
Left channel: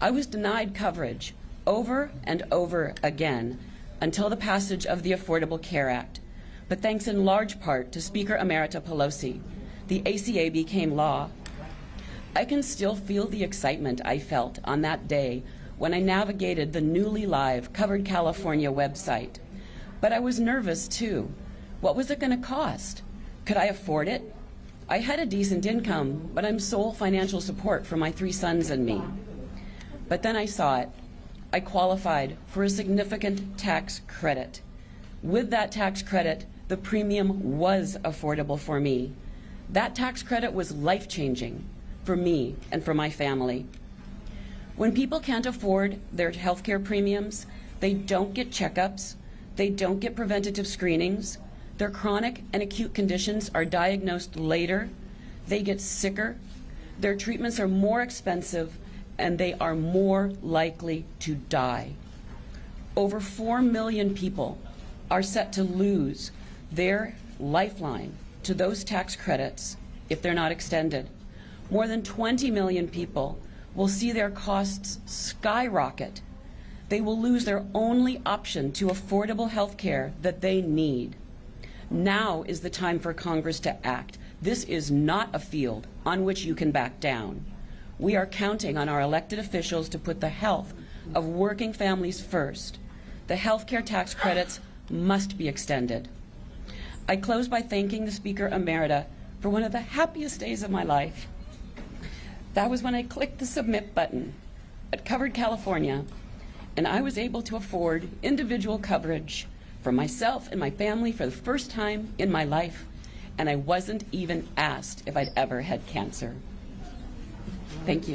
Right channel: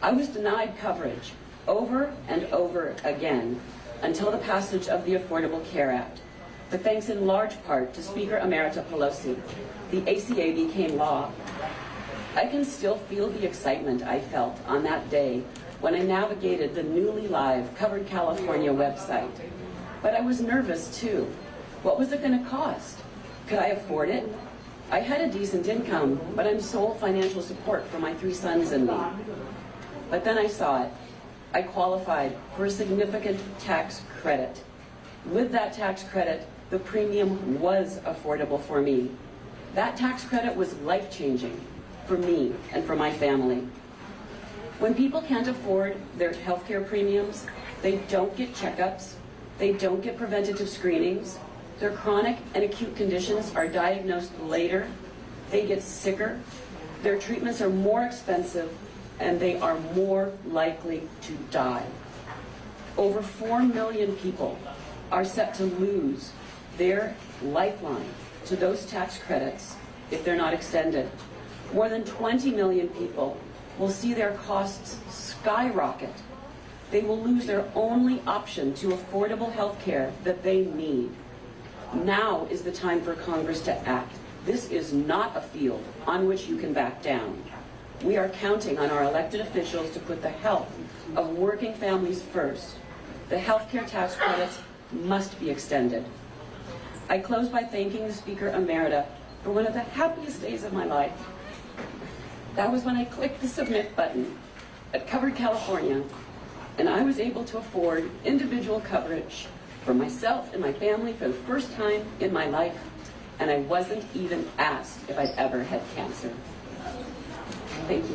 I was denied coverage over and over again until the passage of the Affordable Care Act. But thanks in large part to Speaker Emerita Pelosi, the ACA became law. I can still feel the excitement I felt on that day when I navigated the newly live Covered California website. But I was nervous too. What was it going to cost? Could I afford it? I had a decent income, but I'm sole financial support for my 3 sons and me. But then I saw it. I qualified for a significant tax credit. With that tax credit, the premium was affordable for me. That tax credit was life-changing for me and for my family. When people can't afford their healthcare premiums, they don't get checkups, they don't get preventative screenings, their chronic and acute conditions are diagnosed later, they get sicker, their treatments are more expensive, and they are more likely to die. Over 4 million people are set to lose their lifeline to those tax credits if they're not extended. More than 20 million people will see their costs skyrocket. They will lose their only option to affordable health care that they need. Now is the time for Congress to act. This is not a field on which you can back down. We are counting on our elected officials to put the health of working families first. The health care tax credits must be extended. I close by thanking the Speaker Emerita for one of the happiest days of my life. That was when I clicked the submit button at Covered California, and I was able to afford individual coverage for myself and my family for the first time in my life, and I wasn't even asked if I'd ever had cancer. Thank you.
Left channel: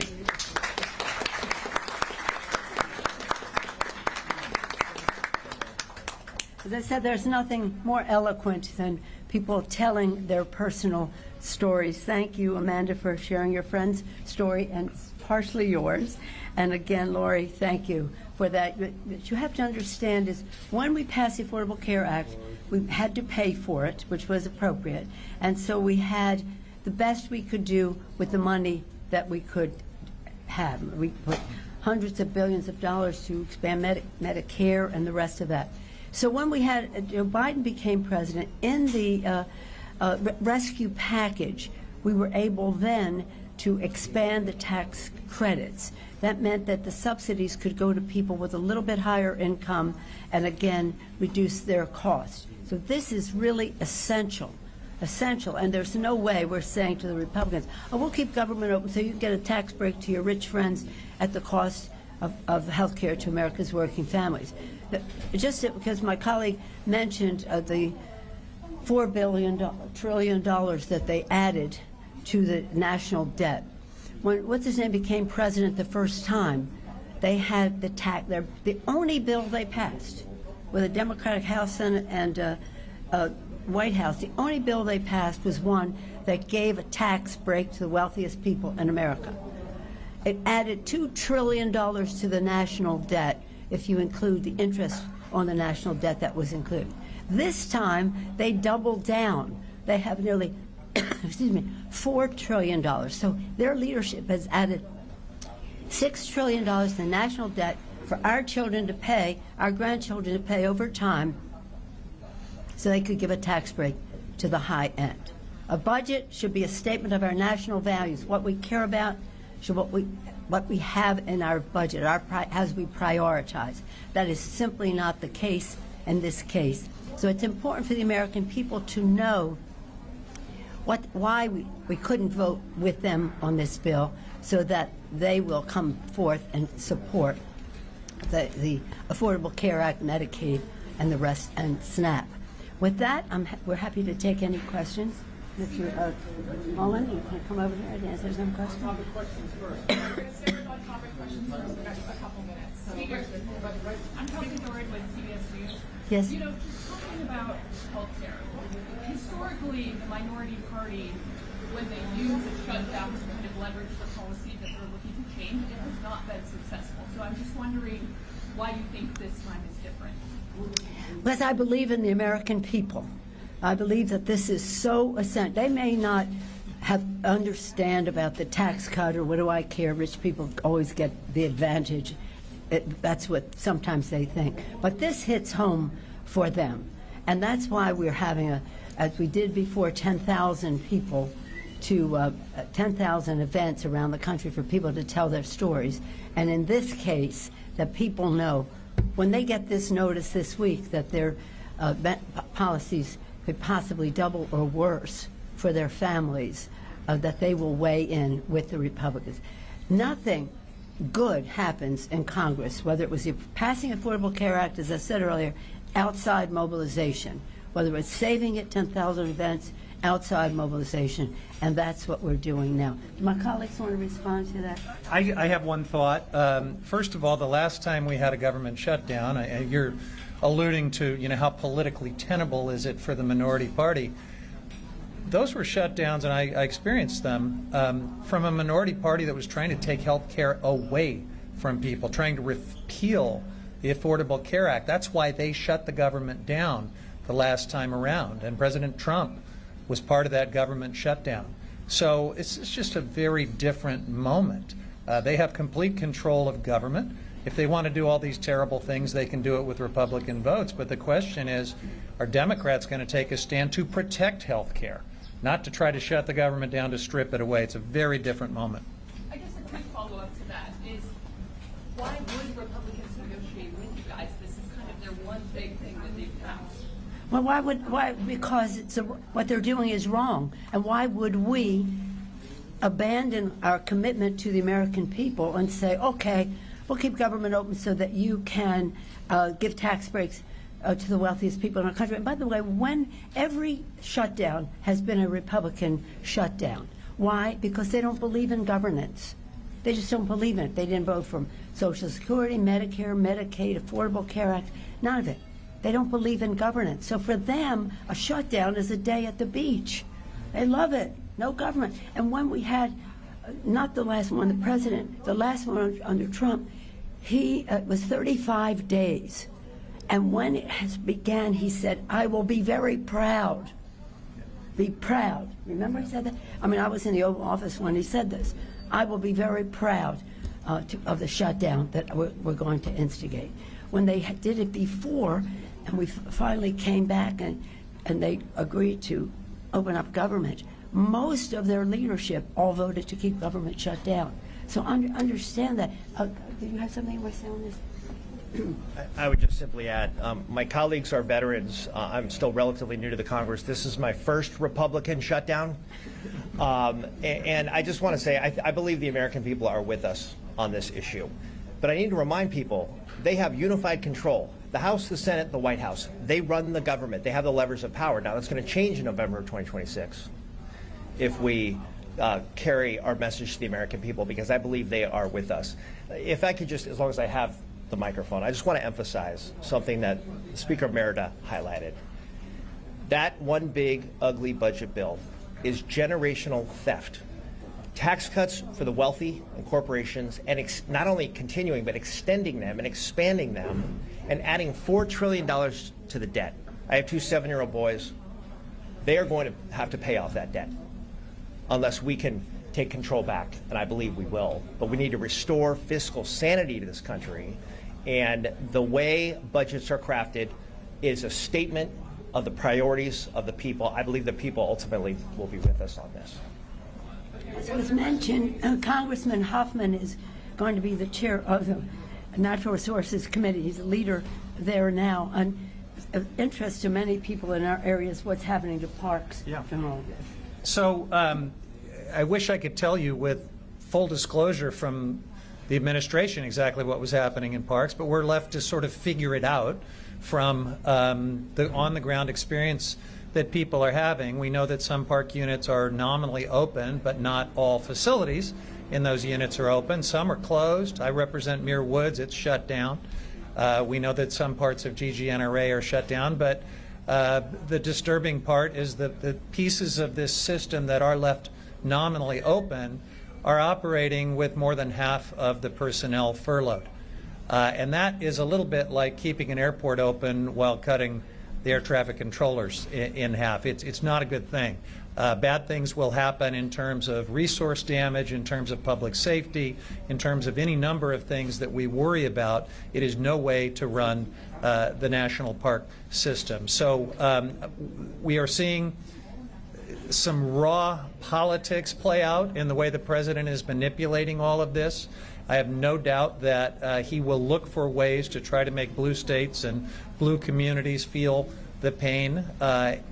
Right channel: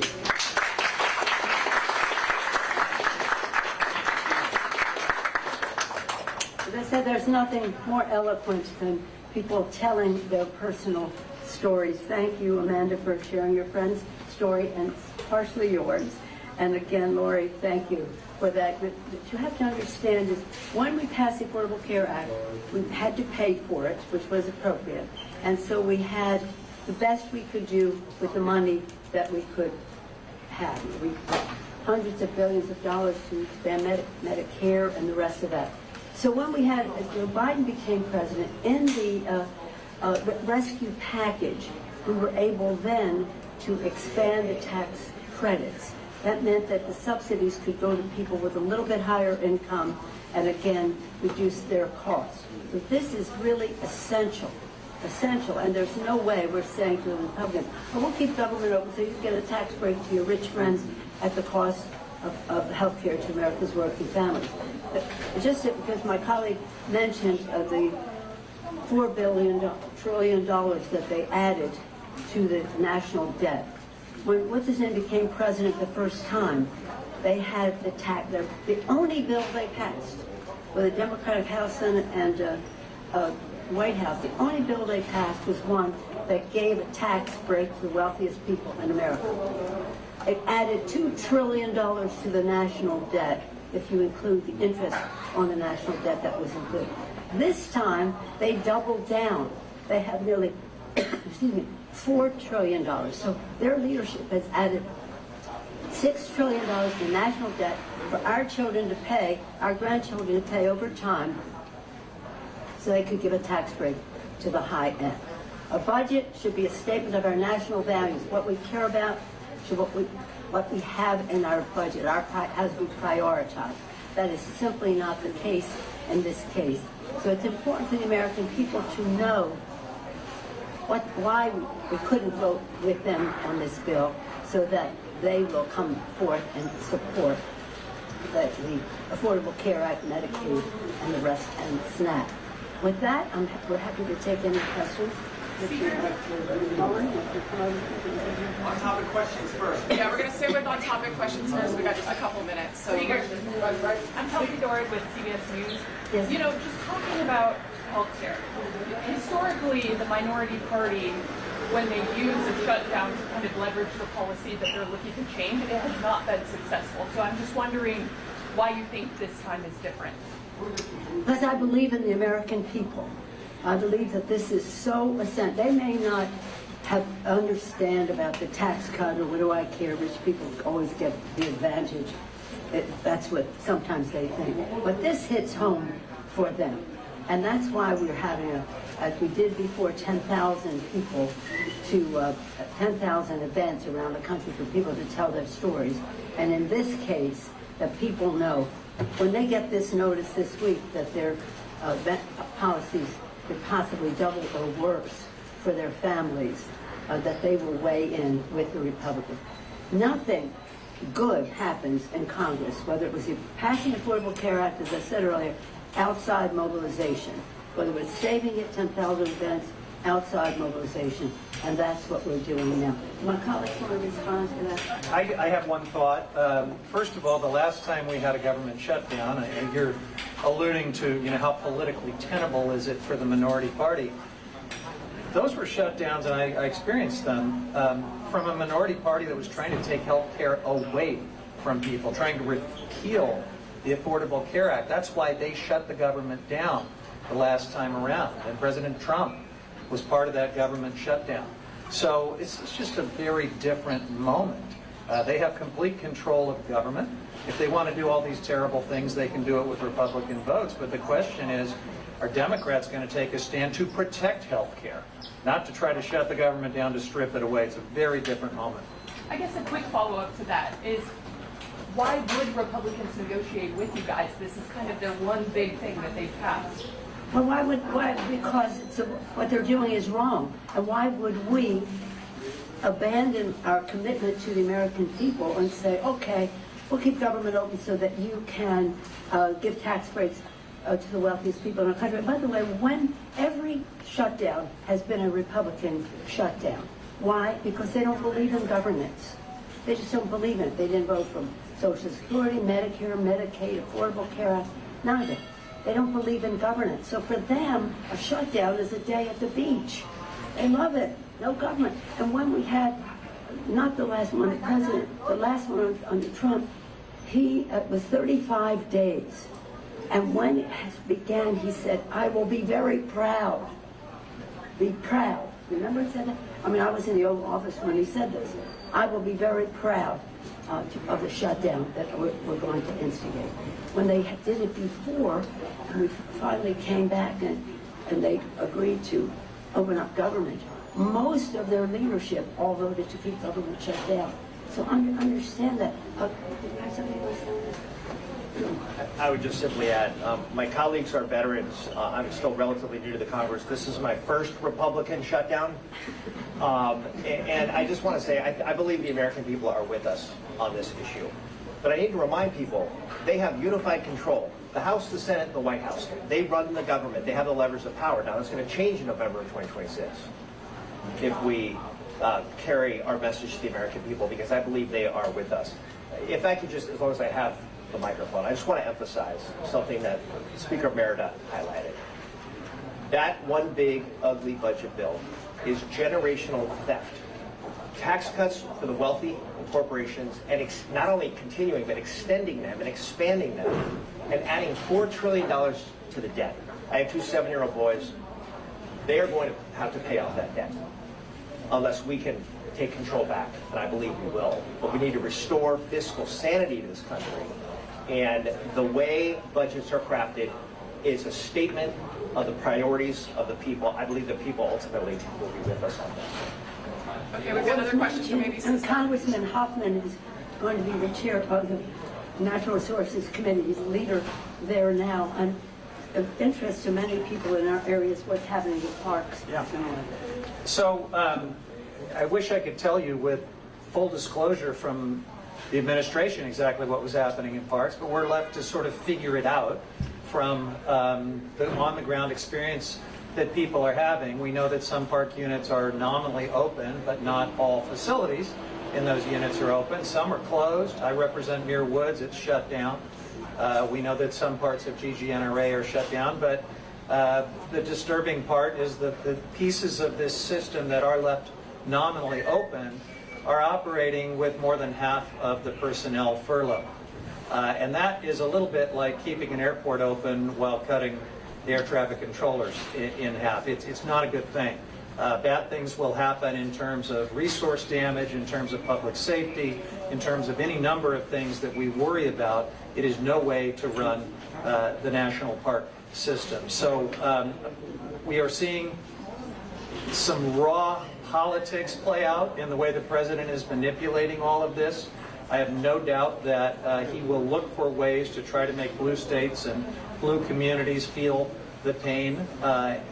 As I said, there's nothing more eloquent than people telling their personal stories. Thank you, Amanda, for sharing your friend's story, and it's partially yours. And again, Lori, thank you for that. But you have to understand is when we passed the Affordable Care Act, we had to pay for it, which was appropriate. And so we had the best we could do with the money that we could have. We put hundreds of billions of dollars to expand Medicare and the rest of that. So when we had, Biden became president, in the rescue package, we were able then to expand the tax credits. That meant that the subsidies could go to people with a little bit higher income and again reduce their costs. So this is really essential, and there's no way we're saying to the Republicans, oh, we'll keep government open so you can get a tax break to your rich friends at the cost of health care to America's working families. But just because my colleague mentioned the $4 trillion that they added to the national debt. When what's-his-name became president the first time, they had the only bill they passed with a Democratic House, Senate, and White House, the only bill they passed was one that gave a tax break to the wealthiest people in America. It added $2 trillion to the national debt if you include the interest on the national debt that was included. This time, they doubled down. They have nearly, $4 trillion. So their leadership has added $6 trillion to the national debt for our children to pay, our grandchildren to pay over time, so they could give a tax break to the high end. A budget should be a statement of our national values, what we care about, what we have in our budget, as we prioritize. That is simply not the case in this case. So it's important for the American people to know why we couldn't vote with them on this bill, so that they will come forth and support the Affordable Care Act, Medicaid, and the rest, and SNAP. With that, we're happy to take any questions. Mullin, you can come over and say some questions. On-topic questions first. Yeah, we're going to stay with on-topic questions first. We got just a couple minutes. So I'm Kelsey Doran with CBS News. Yes. You know, just talking about healthcare. Historically, the minority party, when they use a shutdown to kind of leverage the policy that they're looking to change, it has not been successful. So I'm just wondering why you think this time is different. Because I believe in the American people. I believe that this is so essential. They may not understand about the tax cut or what do I care, rich people always get the advantage. That's what sometimes they think. But this hits home for them. And that's why we're having, as we did before, 10,000 people to 10,000 events around the country for people to tell their stories. And in this case, that people know when they get this notice this week that their policies could possibly double or worse for their families, that they will weigh in with the Republicans. Nothing good happens in Congress, whether it was the passing Affordable Care Act, as I said earlier, outside mobilization, whether it's saving it 10,000 events, outside mobilization, and that's what we're doing now. My colleagues want to respond to that? I have one thought. First of all, the last time we had a government shutdown, you're alluding to how politically tenable is it for the minority party. Those were shutdowns, and I experienced them, from a minority party that was trying to take health care away from people, trying to repeal the Affordable Care Act. That's why they shut the government down the last time around, and President Trump was part of that government shutdown. So it's just a very different moment. They have complete control of government. If they want to do all these terrible things, they can do it with Republican votes. But the question is, are Democrats going to take a stand to protect health care, not to try to shut the government down to strip it away? It's a very different moment. I guess a quick follow-up to that is, why would Republicans negotiate with you guys? This is kind of their one big thing that they've passed. Well, why? Because what they're doing is wrong. And why would we abandon our commitment to the American people and say, okay, we'll keep government open so that you can give tax breaks to the wealthiest people in our country? And by the way, when every shutdown has been a Republican shutdown. Why? Because they don't believe in governance. They just don't believe in it. They didn't vote for Social Security, Medicare, Medicaid, Affordable Care Act, none of it. They don't believe in governance. So for them, a shutdown is a day at the beach. They love it. No government. And when we had, not the last one, the president, the last one under Trump, he was 35 days. And when it began, he said, "I will be very proud." Be proud. Remember he said that? I mean, I was in the Oval Office when he said this. "I will be very proud of the shutdown that we're going to instigate." When they did it before, and we finally came back and they agreed to open up government, most of their leadership all voted to keep government shut down. So understand that. Did you have something else on this? I would just simply add, my colleagues are veterans. I'm still relatively new to the Congress. This is my first Republican shutdown. And I just want to say, I believe the American people are with us on this issue. But I need to remind people, they have unified control. The House, the Senate, the White House, they run the government. They have the levers of power. Now, that's going to change in November of 2026 if we carry our message to the American people, because I believe they are with us. If I could just, as long as I have the microphone, I just want to emphasize something that Speaker Merida highlighted. That one big, ugly budget bill is generational theft. Tax cuts for the wealthy and corporations, and not only continuing, but extending them and expanding them, and adding $4 trillion to the debt. I have two 7-year-old boys. They are going to have to pay off that debt unless we can take control back, and I believe we will. But we need to restore fiscal sanity to this country. And the way budgets are crafted is a statement of the priorities of the people. I believe the people ultimately will be with us on this. Okay, we've got another question. Maybe And Congressman Huffman is going to be the chair of the Natural Resources Committee. He's the leader there now. And of interest to many people in our areas, what's happening in parks. Yeah. So I wish I could tell you with full disclosure from the administration exactly what was happening in parks, but we're left to sort of figure it out from the on-the-ground experience that people are having. We know that some park units are nominally open, but not all facilities in those units are open. Some are closed. I represent Muir Woods. It's shut down. We know that some parts of GGNRA are shut down, but the disturbing part is the pieces of this system that are left nominally open are operating with more than half of the personnel furloughed. And that is a little bit like keeping an airport open while cutting the air traffic controllers in half. It's not a good thing. Bad things will happen in terms of resource damage, in terms of public safety, in terms of any number of things that we worry about. It is no way to run the national park system. So we are seeing some raw politics play out in the way the president is manipulating all of this. I have no doubt that he will look for ways to try to make blue states and blue communities feel the pain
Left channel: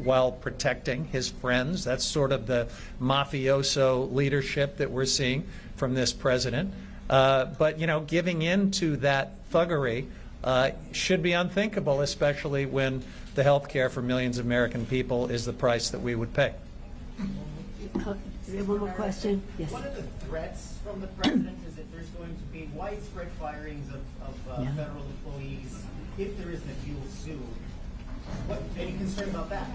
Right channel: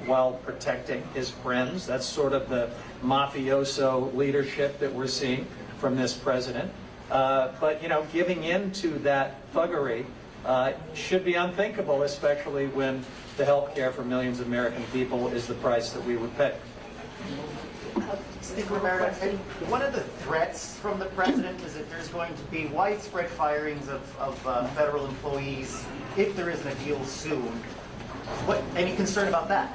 while protecting his friends. That's sort of the mafioso leadership that we're seeing from this president. But, you know, giving in to that thuggery should be unthinkable, especially when the health care for millions of American people is the price that we would pay. One of the threats from the president is that there's going to be widespread firings of federal employees if there isn't a deal soon. Any concern about that?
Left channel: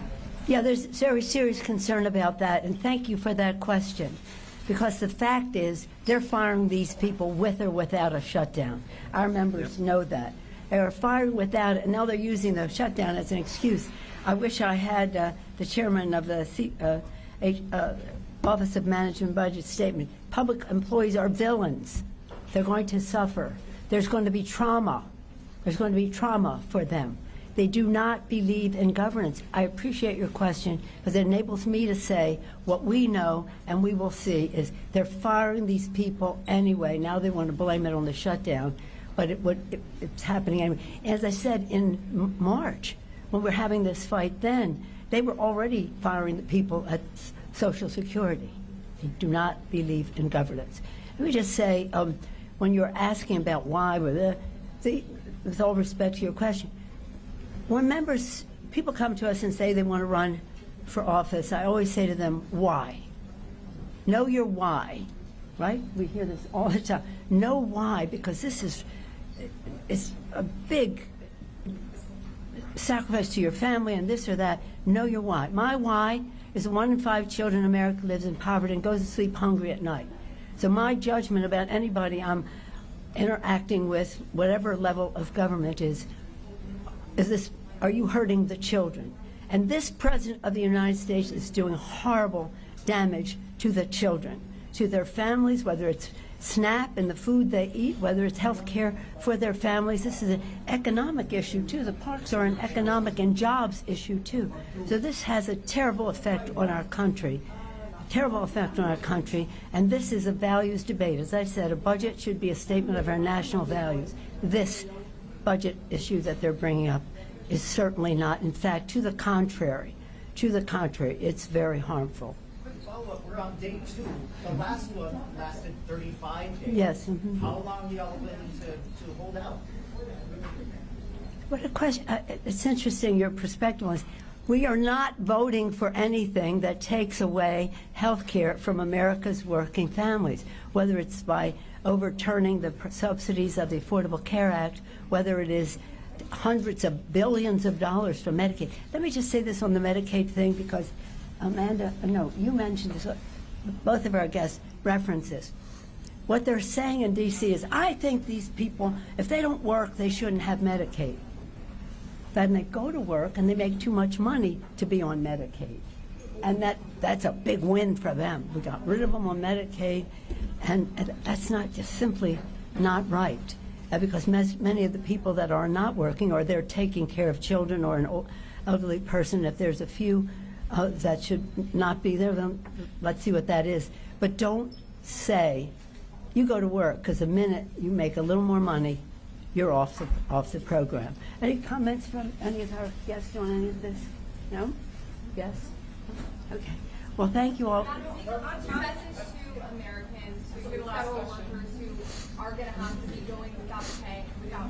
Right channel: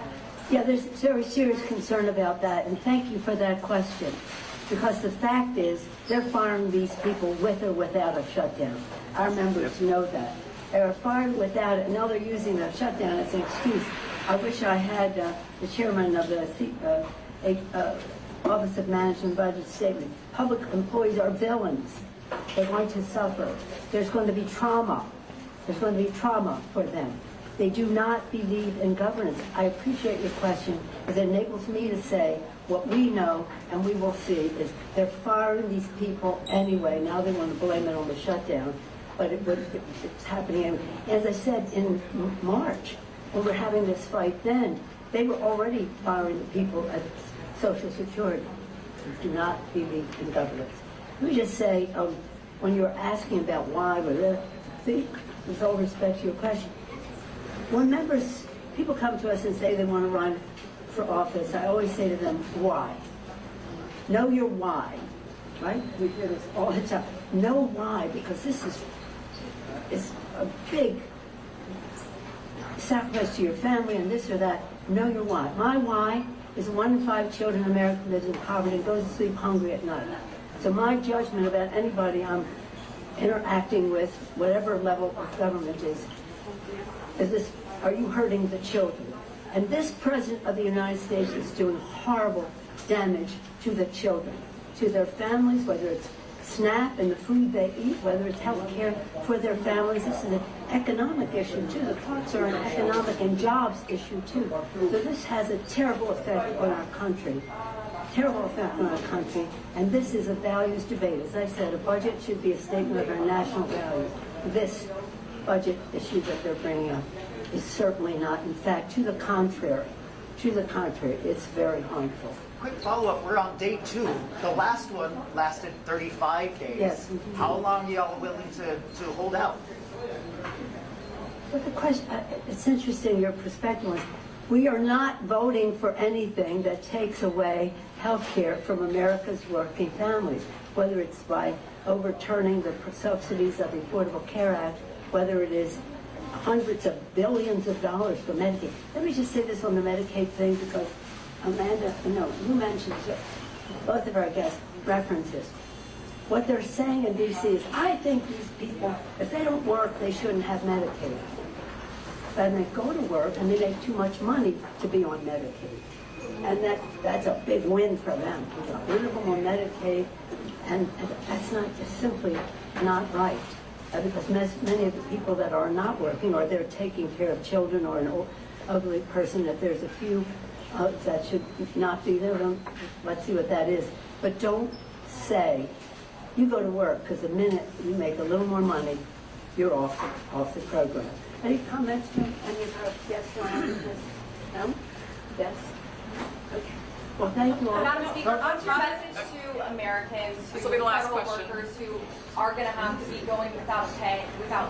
Yeah, there's very serious concern about that, and thank you for that question. Because the fact is, they're firing these people with or without a shutdown. Our members know that. They are fired without it, and now they're using the shutdown as an excuse. I wish I had the chairman of the Office of Management Budget statement. Public employees are villains. They're going to suffer. There's going to be trauma. There's going to be trauma for them. They do not believe in governance. I appreciate your question because it enables me to say what we know and we will see is they're firing these people anyway. Now they want to blame it on the shutdown, but it's happening anyway. As I said in March, when we're having this fight then, they were already firing the people at Social Security who do not believe in governance. Let me just say, when you're asking about why, with all respect to your question, when members, people come to us and say they want to run for office, I always say to them, why? Know your why, right? We hear this all the time. Know why, because this is a big sacrifice to your family and this or that. Know your why. My why is 1 in 5 children in America lives in poverty and goes to sleep hungry at night. So my judgment about anybody I'm interacting with, whatever level of government is this, are you hurting the children? And this President of the United States is doing horrible damage to the children, to their families, whether it's SNAP and the food they eat, whether it's health care for their families. This is an economic issue too. The parks are an economic and jobs issue too. So this has a terrible effect on our country. Terrible effect on our country, and this is a values debate. As I said, a budget should be a statement of our national values. This budget issue that they're bringing up is certainly not. In fact, to the contrary. To the contrary, it's very harmful. Quick follow-up, we're on day 2. The last one lasted 35 days. Yes. How long are y'all willing to hold out? What a question. It's interesting your perspective on this. We are not voting for anything that takes away health care from America's working families, whether it's by overturning the subsidies of the Affordable Care Act, whether it is hundreds of billions of dollars for Medicaid. Let me just say this on the Medicaid thing, because Amanda, no, you mentioned both of our guest references. What they're saying in D.C. is, I think these people, if they don't work, they shouldn't have Medicaid. Then they go to work and they make too much money to be on Medicaid. And that's a big win for them. We got rid of them on Medicaid, and that's not just simply not right. Because many of the people that are not working, or they're taking care of children or an elderly person, if there's a few that should not be there, let's see what that is. But don't say, you go to work, because the minute you make a little more money, you're off the program. Any comments from any of our guests on any of this? No? Yes? Okay. Well, thank you all. Madam Speaker, what's your message to Americans, to federal workers who are going to have to be going without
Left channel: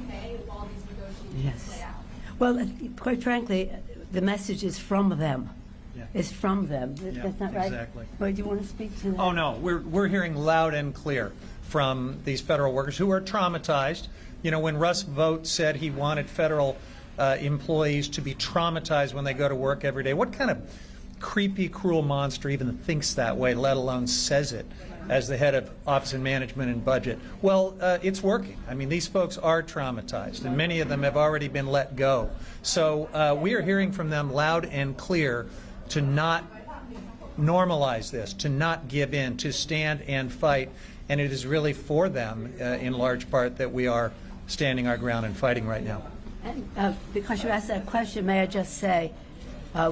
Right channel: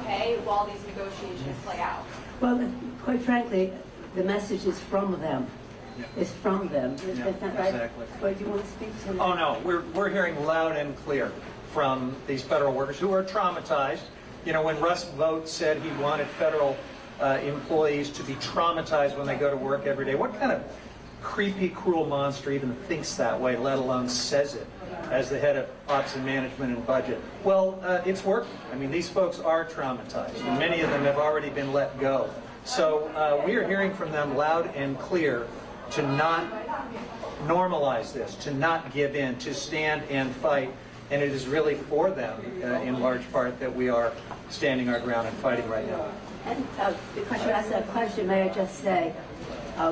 pay while these negotiations play out? Well, quite frankly, the message is from them. Yeah. Is from them. Yeah, Isn't that right? exactly. Wait, do you want to speak to that? Oh, no, we're hearing loud and clear from these federal workers who are traumatized. You know, when Russ Vought said he wanted federal employees to be traumatized when they go to work every day, what kind of creepy, cruel monster even thinks that way, let alone says it as the head of Office of Management and Budget? Well, it's working. I mean, these folks are traumatized, and many of them have already been let go. So we are hearing from them loud and clear to not normalize this, to not give in, to stand and fight. And it is really for them, in large part, that we are standing our ground and fighting right now. And, because you asked that question, may I just say,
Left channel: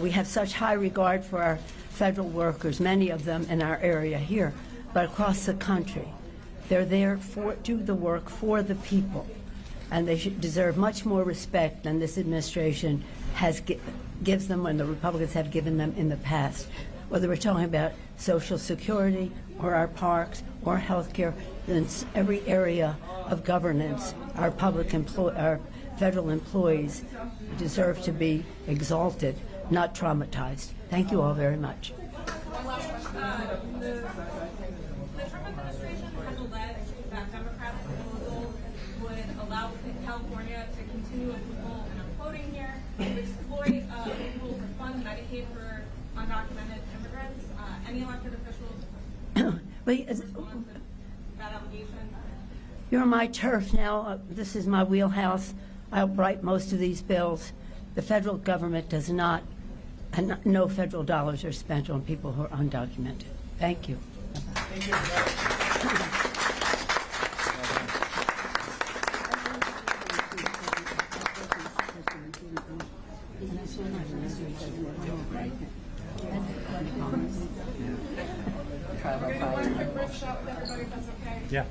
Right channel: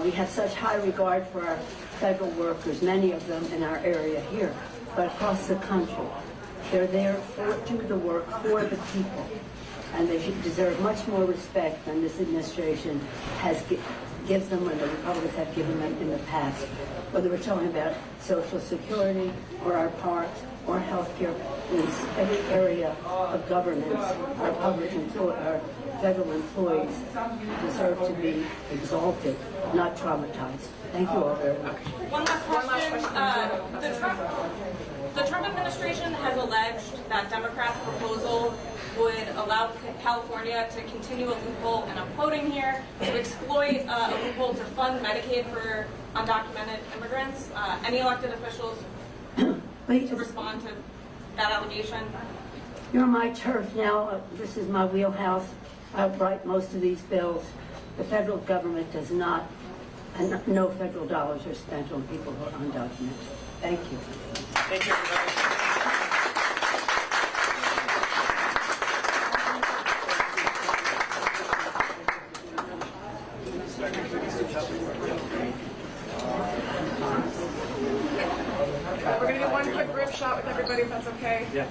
we have such high regard for our federal workers, many of them in our area here, but across the country. They're there to do the work for the people, and they should deserve much more respect than this administration gives them, and the Republicans have given them in the past. Whether we're talking about Social Security or our parks or health care, in every area of governance, our federal employees deserve to be exalted, not traumatized. Thank you all very much. One last question. The Trump administration has alleged that Democrats' proposal would allow California to continue a loophole, and I'm quoting here, to exploit a loophole to fund Medicaid for undocumented immigrants. Any elected officials to respond to that allegation? You're my turf now. This is my wheelhouse. I write most of these bills. The federal government does not, and no federal dollars are spent on people who are undocumented. Thank you. Thank you. We're going to do one quick group shot with everybody, if that's okay. Yeah.